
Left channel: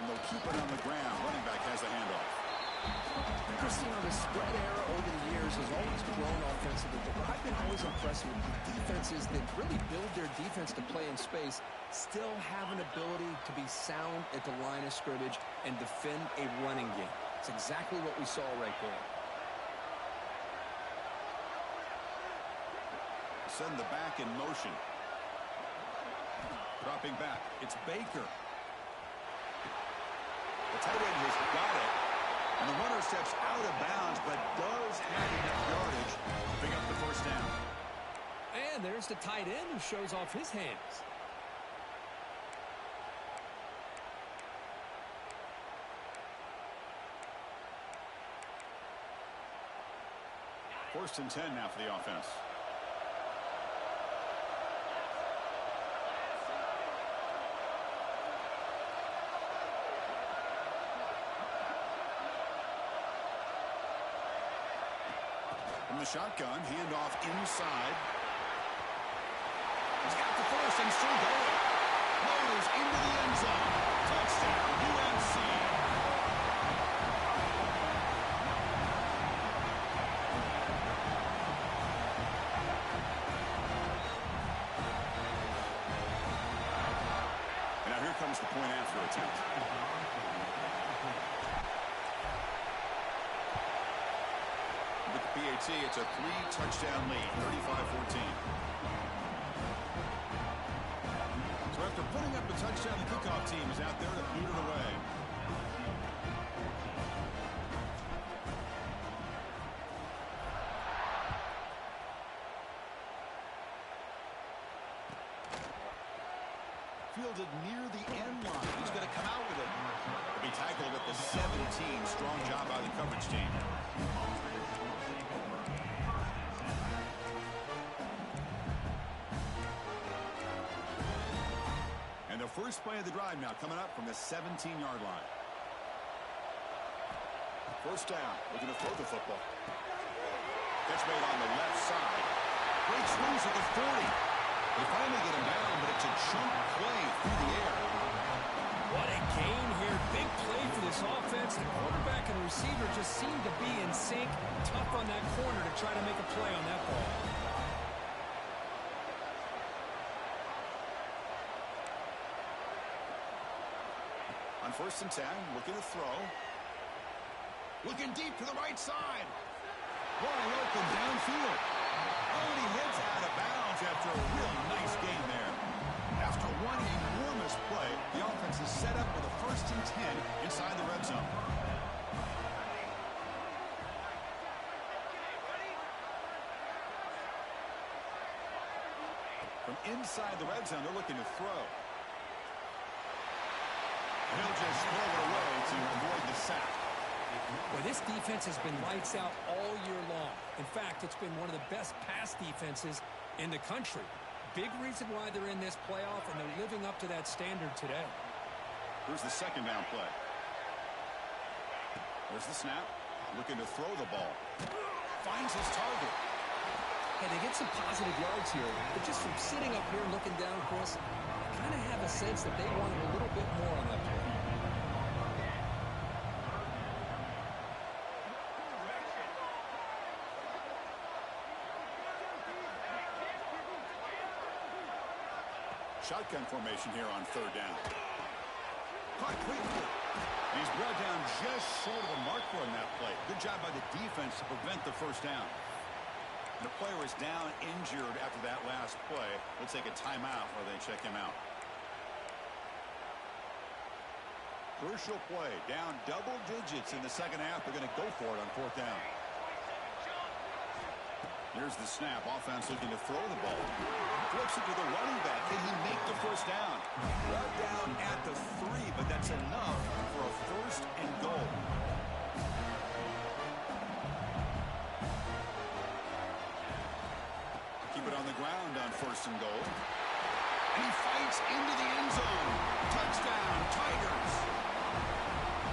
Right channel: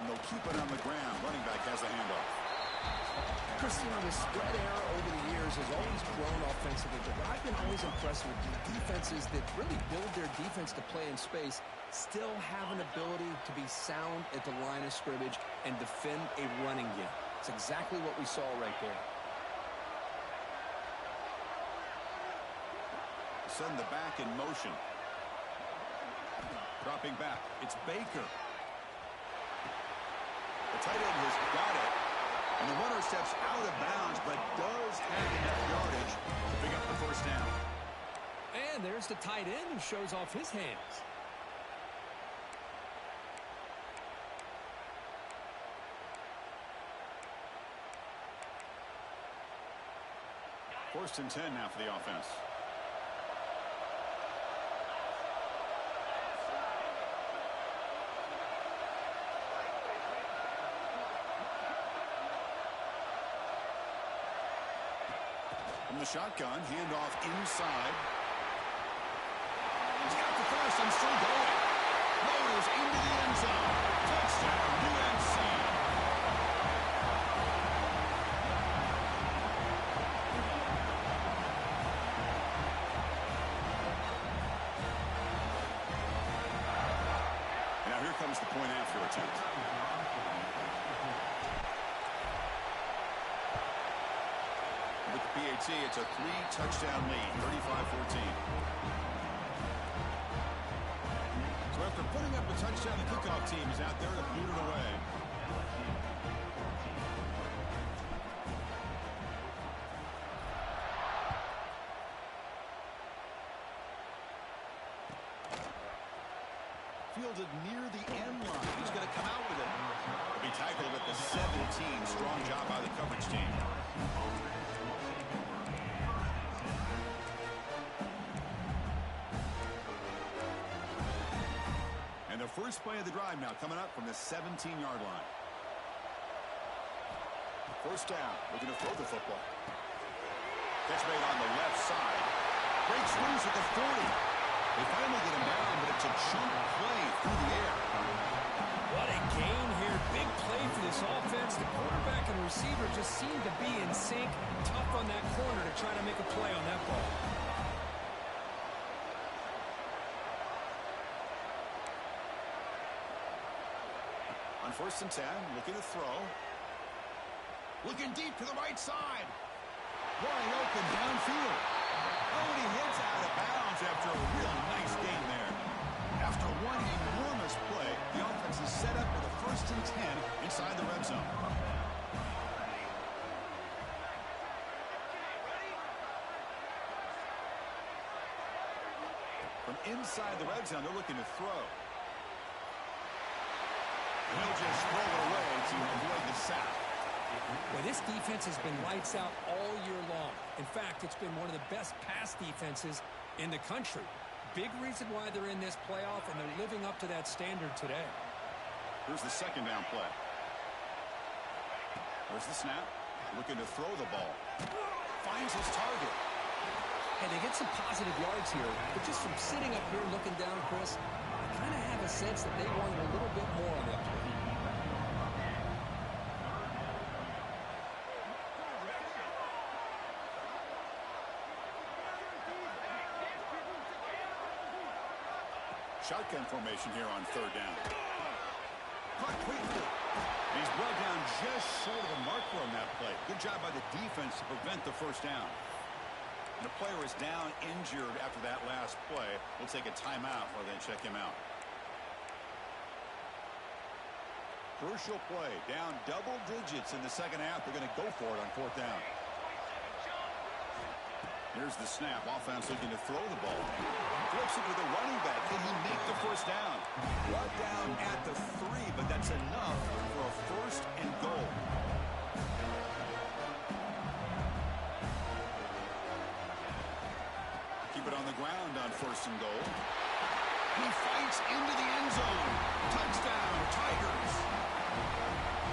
And they'll keep it on the ground. Running back has the handoff. Chris, you know, the spread era over the years has always grown offensively, but what I've been always impressed with defenses that really build their defense to play in space still have an ability to be sound at the line of scrimmage and defend a running game. It's exactly what we saw right there. Send the back in motion. Dropping back. It's Baker. The tight end has got it. And the runner steps out of bounds, but does have enough yardage to pick up the 1st down. And there's the tight end who shows off his hands. 1st and 10 now for the offense. From the shotgun, handoff inside. He's got the 1st and still going. Motors into the end zone. Touchdown, UNC. comes the point after attempt. With the PAT, it's a 3-touchdown lead, 35-14. So after putting up a touchdown, the kickoff team is out there to boot it away. Fielded near the end line. He's going to come out with it. He'll be tackled at the 17. Strong job by the coverage team. And the first play of the drive now coming up from the 17-yard line. First down. Looking to throw the football. Catch made on the left side. Breaks loose at the 40. They finally get him down, but it's a chunk play through the air. What a gain here. Big play for this offense. The quarterback and receiver just seem to be in sync. Tough on that corner to try to make a play on that ball. On 1st and 10, looking to throw. Looking deep to the right side. Wide open downfield. Oh, and he heads out of bounds after a real nice gain there. After one enormous play, the offense is set up with a 1st and 10 inside the red zone. From inside the red zone, they're looking to throw. He'll just throw it away to avoid the sack. Well, this defense has been lights out all year long. In fact, it's been one of the best pass defenses in the country. Big reason why they're in this playoff, and they're living up to that standard today. Here's the 2nd down play. There's the snap. Looking to throw the ball. Finds his target. Hey, they get some positive yards here, but just from sitting up here looking down, Chris, I kind of have a sense that they wanted a little bit more on that play. Shotgun formation here on 3rd down. Caught quickly. He's brought down just short of the marker on that play. Good job by the defense to prevent the 1st down. And the player is down injured after that last play. We'll take a timeout while they check him out. Crucial play. Down double digits in the 2nd half. They're going to go for it on 4th down. Here's the snap. Offense looking to throw the ball. Flips it to the running back. Can he make the 1st down? Brought down at the 3, but that's enough for a 1st and goal. Keep it on the ground on 1st and goal. And he fights into the end zone. Touchdown, Tigers.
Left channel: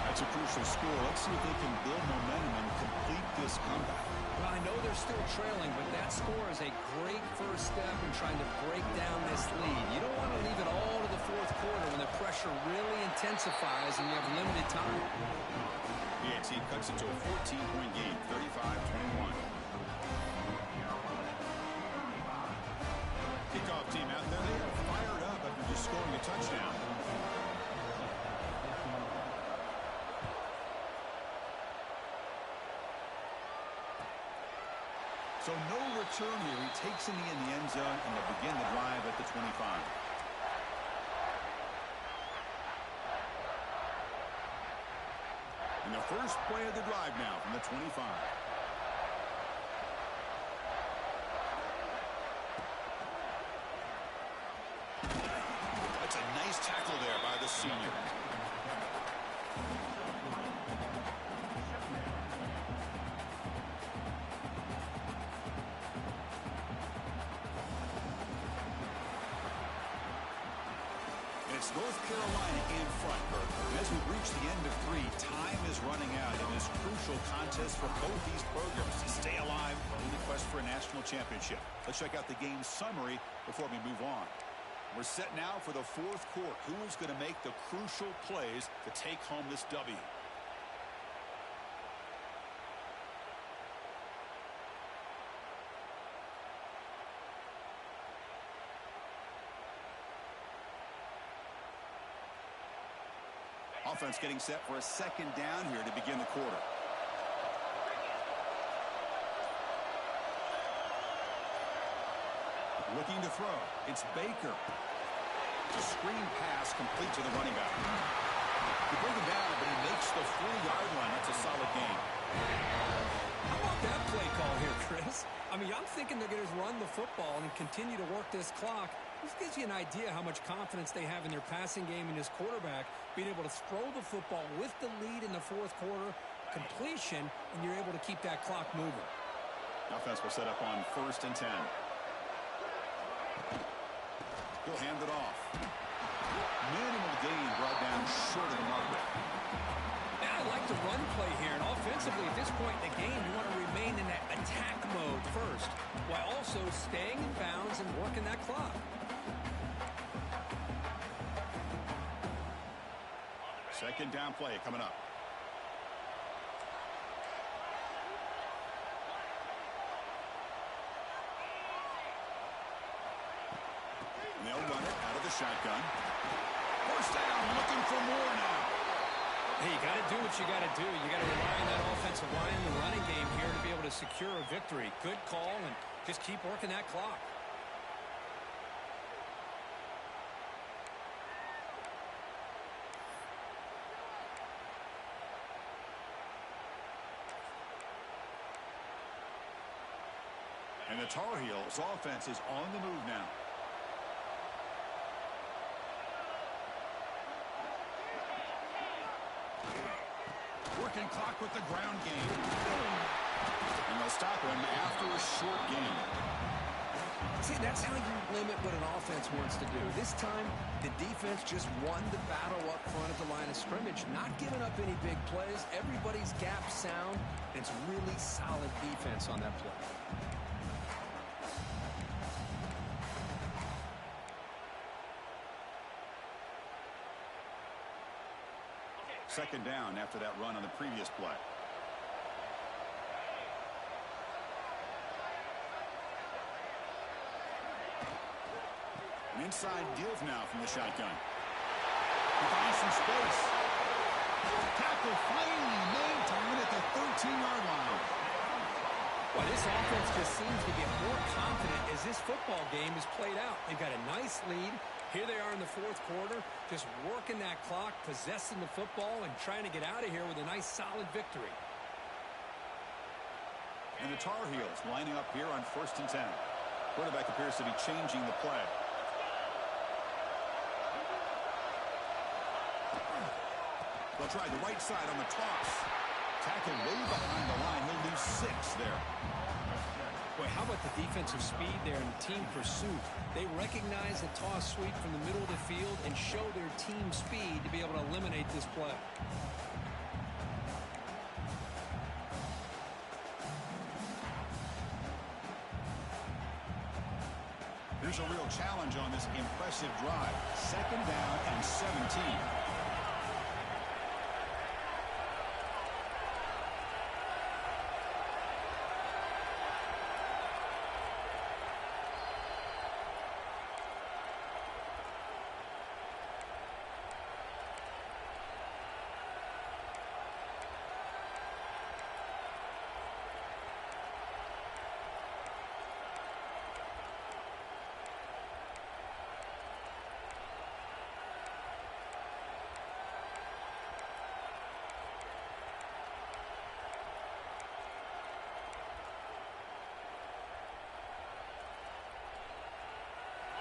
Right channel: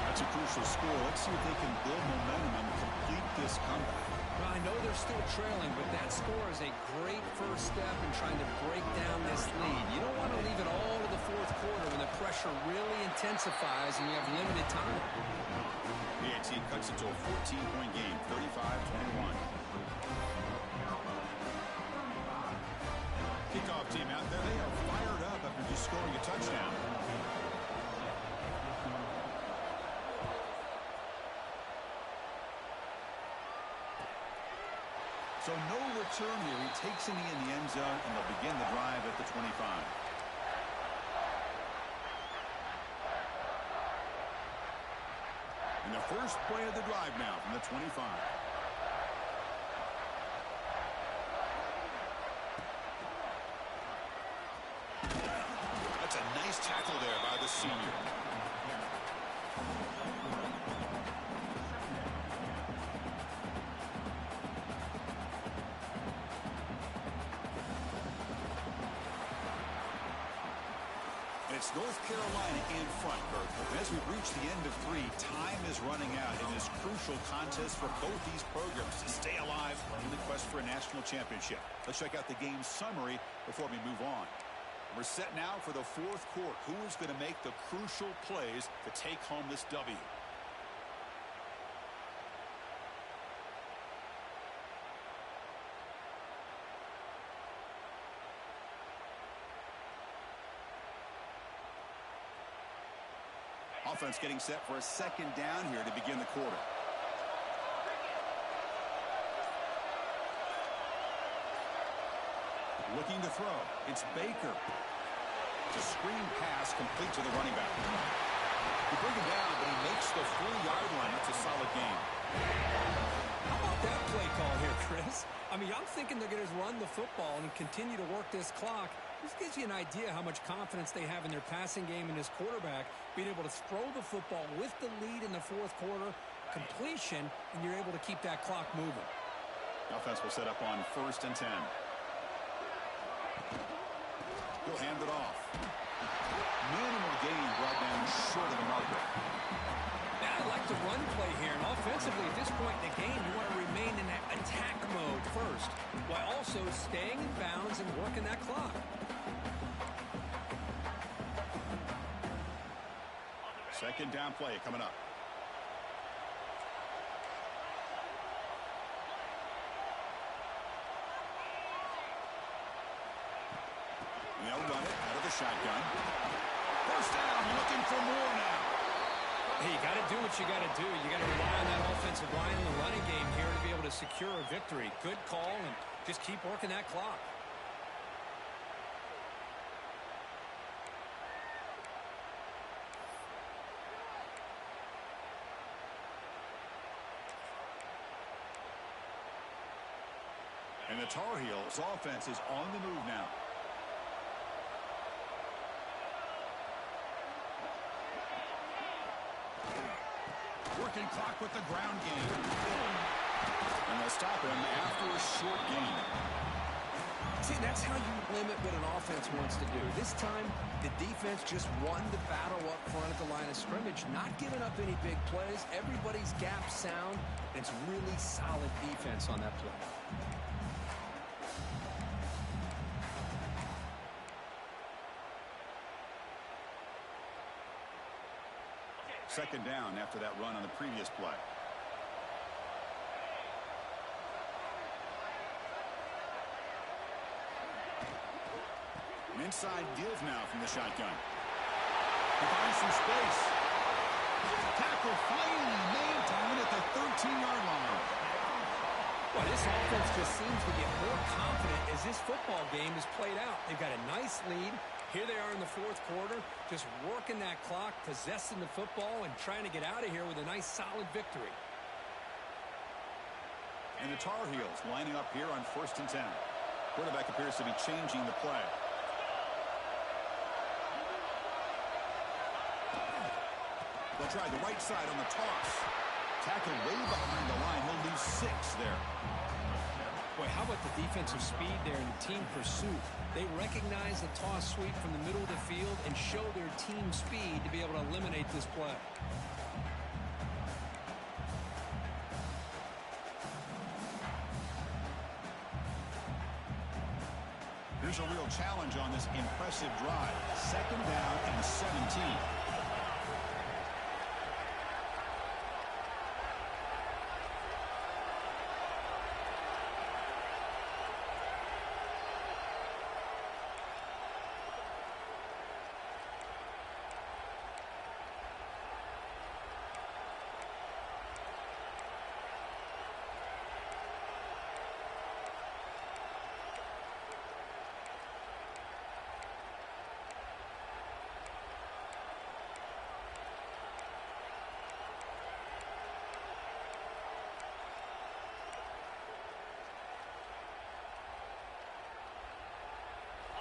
That's a crucial score. Let's see if they can build momentum and complete this comeback. Well, I know they're still trailing, but that score is a great first step in trying to break down this lead. You don't want to leave it all to the 4th quarter when the pressure really intensifies and you have limited time. PAT cuts it to a 14-point game, 35-21. Kickoff team out there, they are fired up after just scoring a touchdown. So no return here. He takes in the end zone, and they'll begin the drive at the 25. And the first play of the drive now from the 25. That's a nice tackle there by the senior. It's North Carolina in front, Kurt. And as we reach the end of 3, time is running out in this crucial contest for both these programs to stay alive in the quest for a national championship. Let's check out the game summary before we move on. We're set now for the 4th quarter. Who is going to make the crucial plays to take home this W? Offense getting set for a second down here to begin the quarter. Looking to throw. It's Baker. The screen pass complete to the running back. You bring him down, but he makes the 40-yard line. That's a solid game. How about that play call here, Chris? I mean, I'm thinking they're going to run the football and continue to work this clock. This gives you an idea how much confidence they have in their passing game and his quarterback, being able to throw the football with the lead in the fourth quarter, completion, and you're able to keep that clock moving. Offense will set up on 1st and 10. He'll hand it off. Minimal gain brought down short of the marker. I like the run play here, and offensively at this point in the game, you want to remain in that attack mode first, while also staying in bounds and working that clock. Second down play coming up. And they'll run it out of the shotgun. First down, looking for more now. Hey, you got to do what you got to do. You got to rely on that offensive line in the running game here to be able to secure a victory. Good call, and just keep working that clock. And the Tar Heels offense is on the move now. Working clock with the ground game. And they'll stop him after a short gain. See, that's how you limit what an offense wants to do. This time, the defense just won the battle up front at the line of scrimmage, not giving up any big plays. Everybody's gap sound. It's really solid defense on that play. Second down after that run on the previous play. An inside deals now from the shotgun. He finds some space. Tackle finally made to win at the 13-yard line. Well, this offense just seems to get more confident as this football game is played out. They've got a nice lead. Here they are in the fourth quarter, just working that clock, possessing the football, and trying to get out of here with a nice, solid victory. And the Tar Heels lining up here on 1st and 10. Quarterback appears to be changing the play. They'll try the right side on the toss. Tackle way behind the line. He'll lose 6 there. Boy, how about the defensive speed there in team pursuit? They recognize the toss sweep from the middle of the field and show their team speed to be able to eliminate this play. Here's a real challenge on this impressive drive. Second down and 17.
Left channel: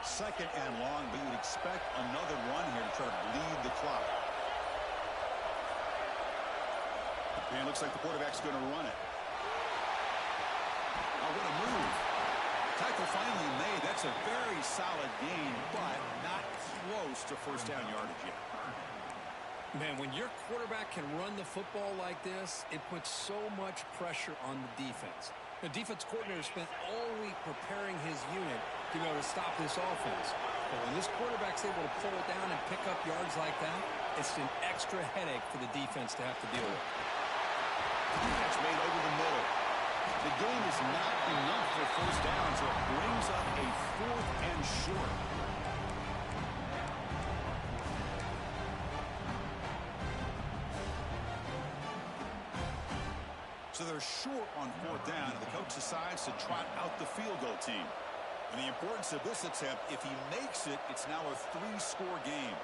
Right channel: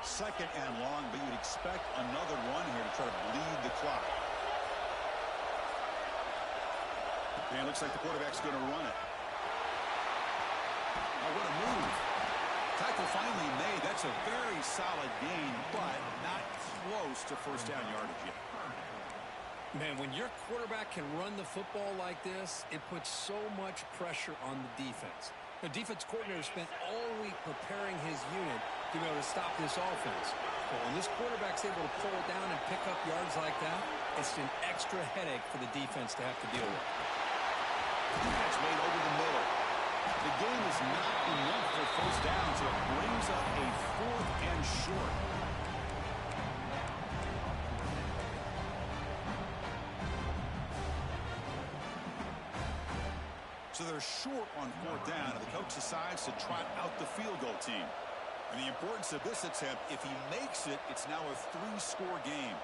Second and long, but you'd expect another run here to try to bleed the clock. And it looks like the quarterback's going to run it. Oh, what a move. Tackle finally made. That's a very solid gain, but not close to first down yardage yet. Man, when your quarterback can run the football like this, it puts so much pressure on the defense. The defense coordinator spent all week preparing his unit to be able to stop this offense. But when this quarterback's able to pull it down and pick up yards like that, it's an extra headache for the defense to have to deal with. That's made over the middle. The game is not enough for first down, so it brings up a 4th and short. So they're short on fourth down, and the coach decides to trot out the field goal team. And the importance of this attempt, if he makes it, it's now a 3-score game.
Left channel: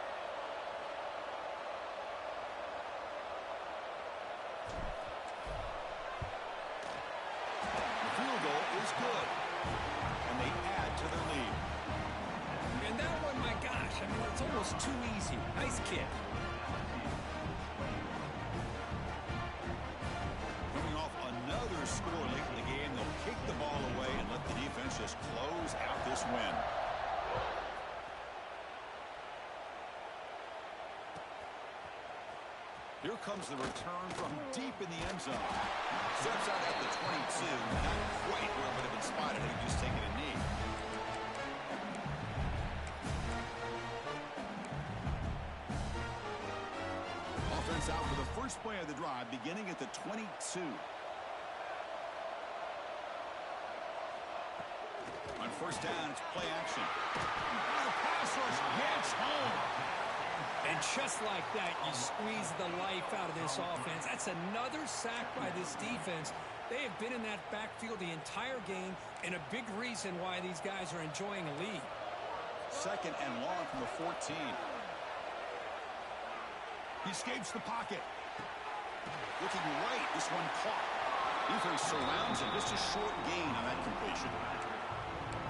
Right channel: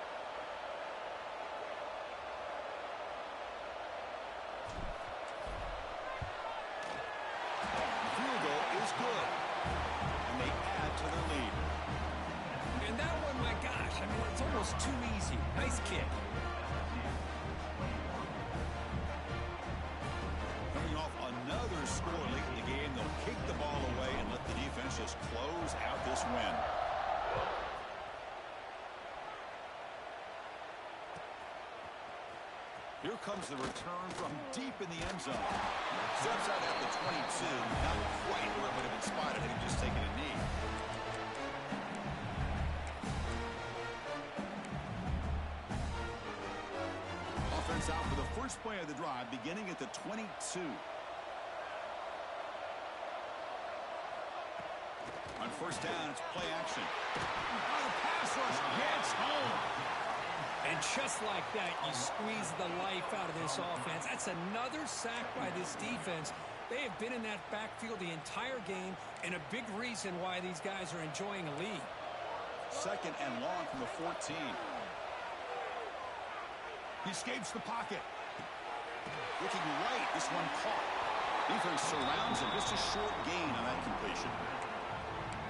The field goal is good, and they add to their lead. And that one, my gosh, I mean, it's almost too easy. Nice kick. Coming off another score late in the game, they'll kick the ball away and let the defense just close out this win. Here comes the return from deep in the end zone. Steps out at the 22, not quite where it would have been spotted had he just taken a knee. Offense out for the first play of the drive, beginning at the 22. On first down, it's play action. Oh, the pass rush gets home. And just like that, you squeeze the life out of this offense. That's another sack by this defense. They have been in that backfield the entire game, and a big reason why these guys are enjoying a lead. Second and long from the 14. He escapes the pocket. Looking right, this one caught. Defense surrounds him. Just a short gain on that completion.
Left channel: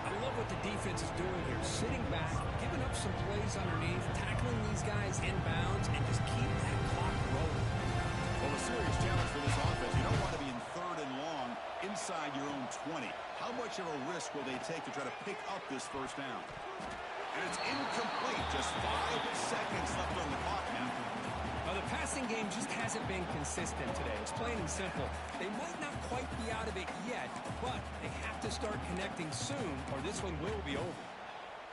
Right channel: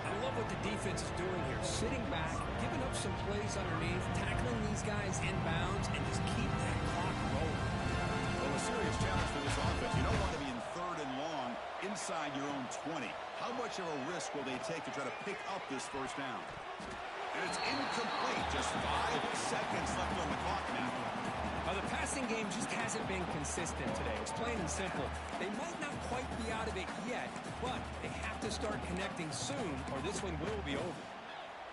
I love what the defense is doing here. Sitting back, giving up some plays underneath, tackling these guys inbounds, and just keep that clock rolling. Well, a serious challenge for this offense. You don't want to be in third and long inside your own 20. How much of a risk will they take to try to pick up this first down? And it's incomplete. Just 5 seconds left on the clock now. The passing game just hasn't been consistent today. It's plain and simple. They might not quite be out of it yet, but they have to start connecting soon, or this one will be over.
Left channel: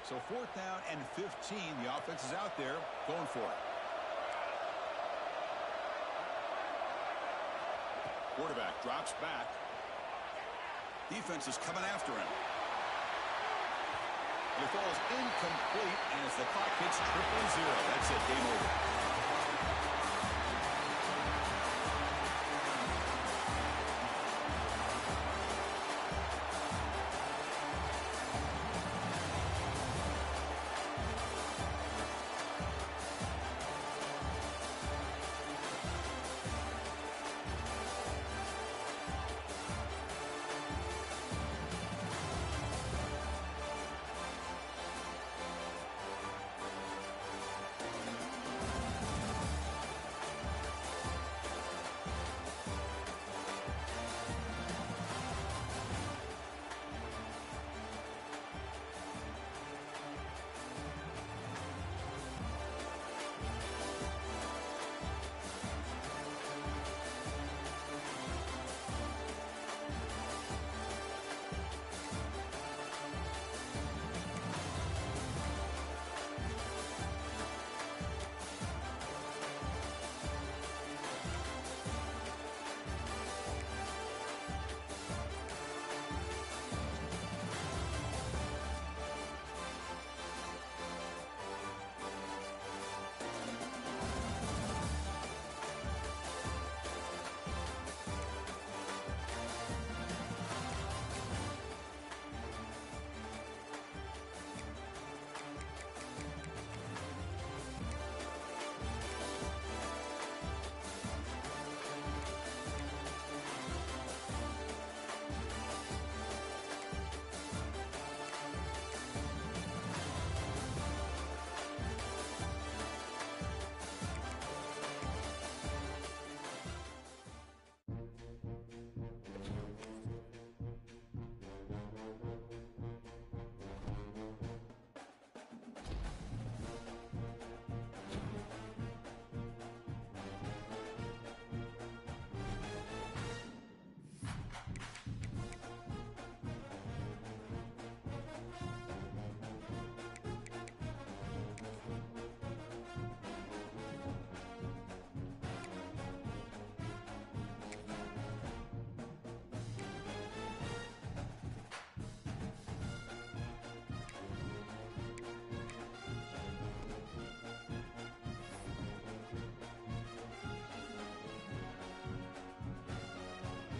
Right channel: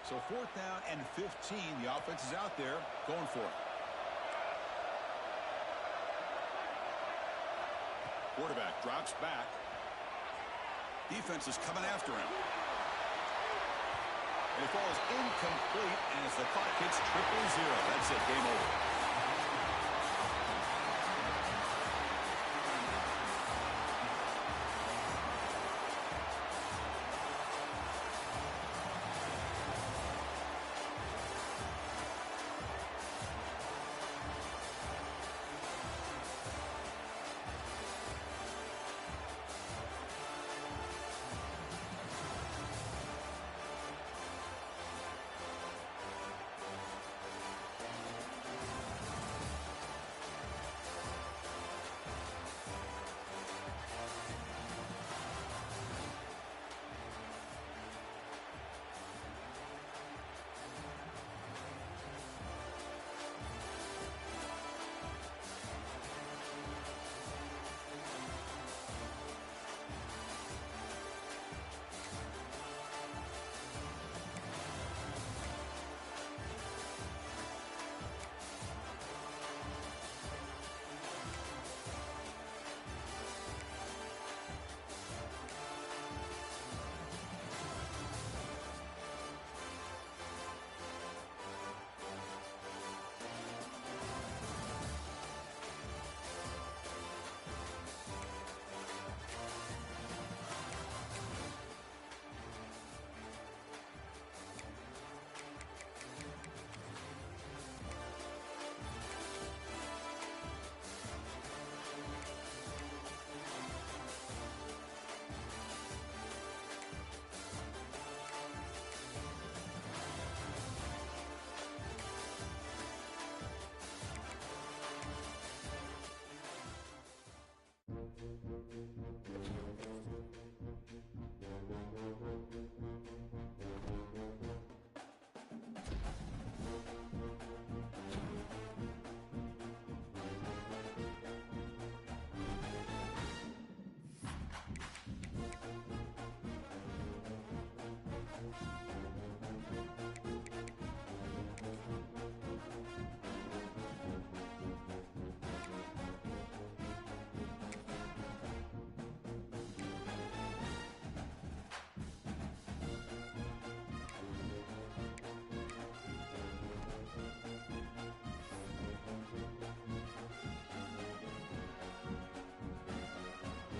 So fourth down and 15. The offense is out there going for it. Quarterback drops back. Defense is coming after him. And it falls incomplete as the clock hits 0-0. That's it. Game over.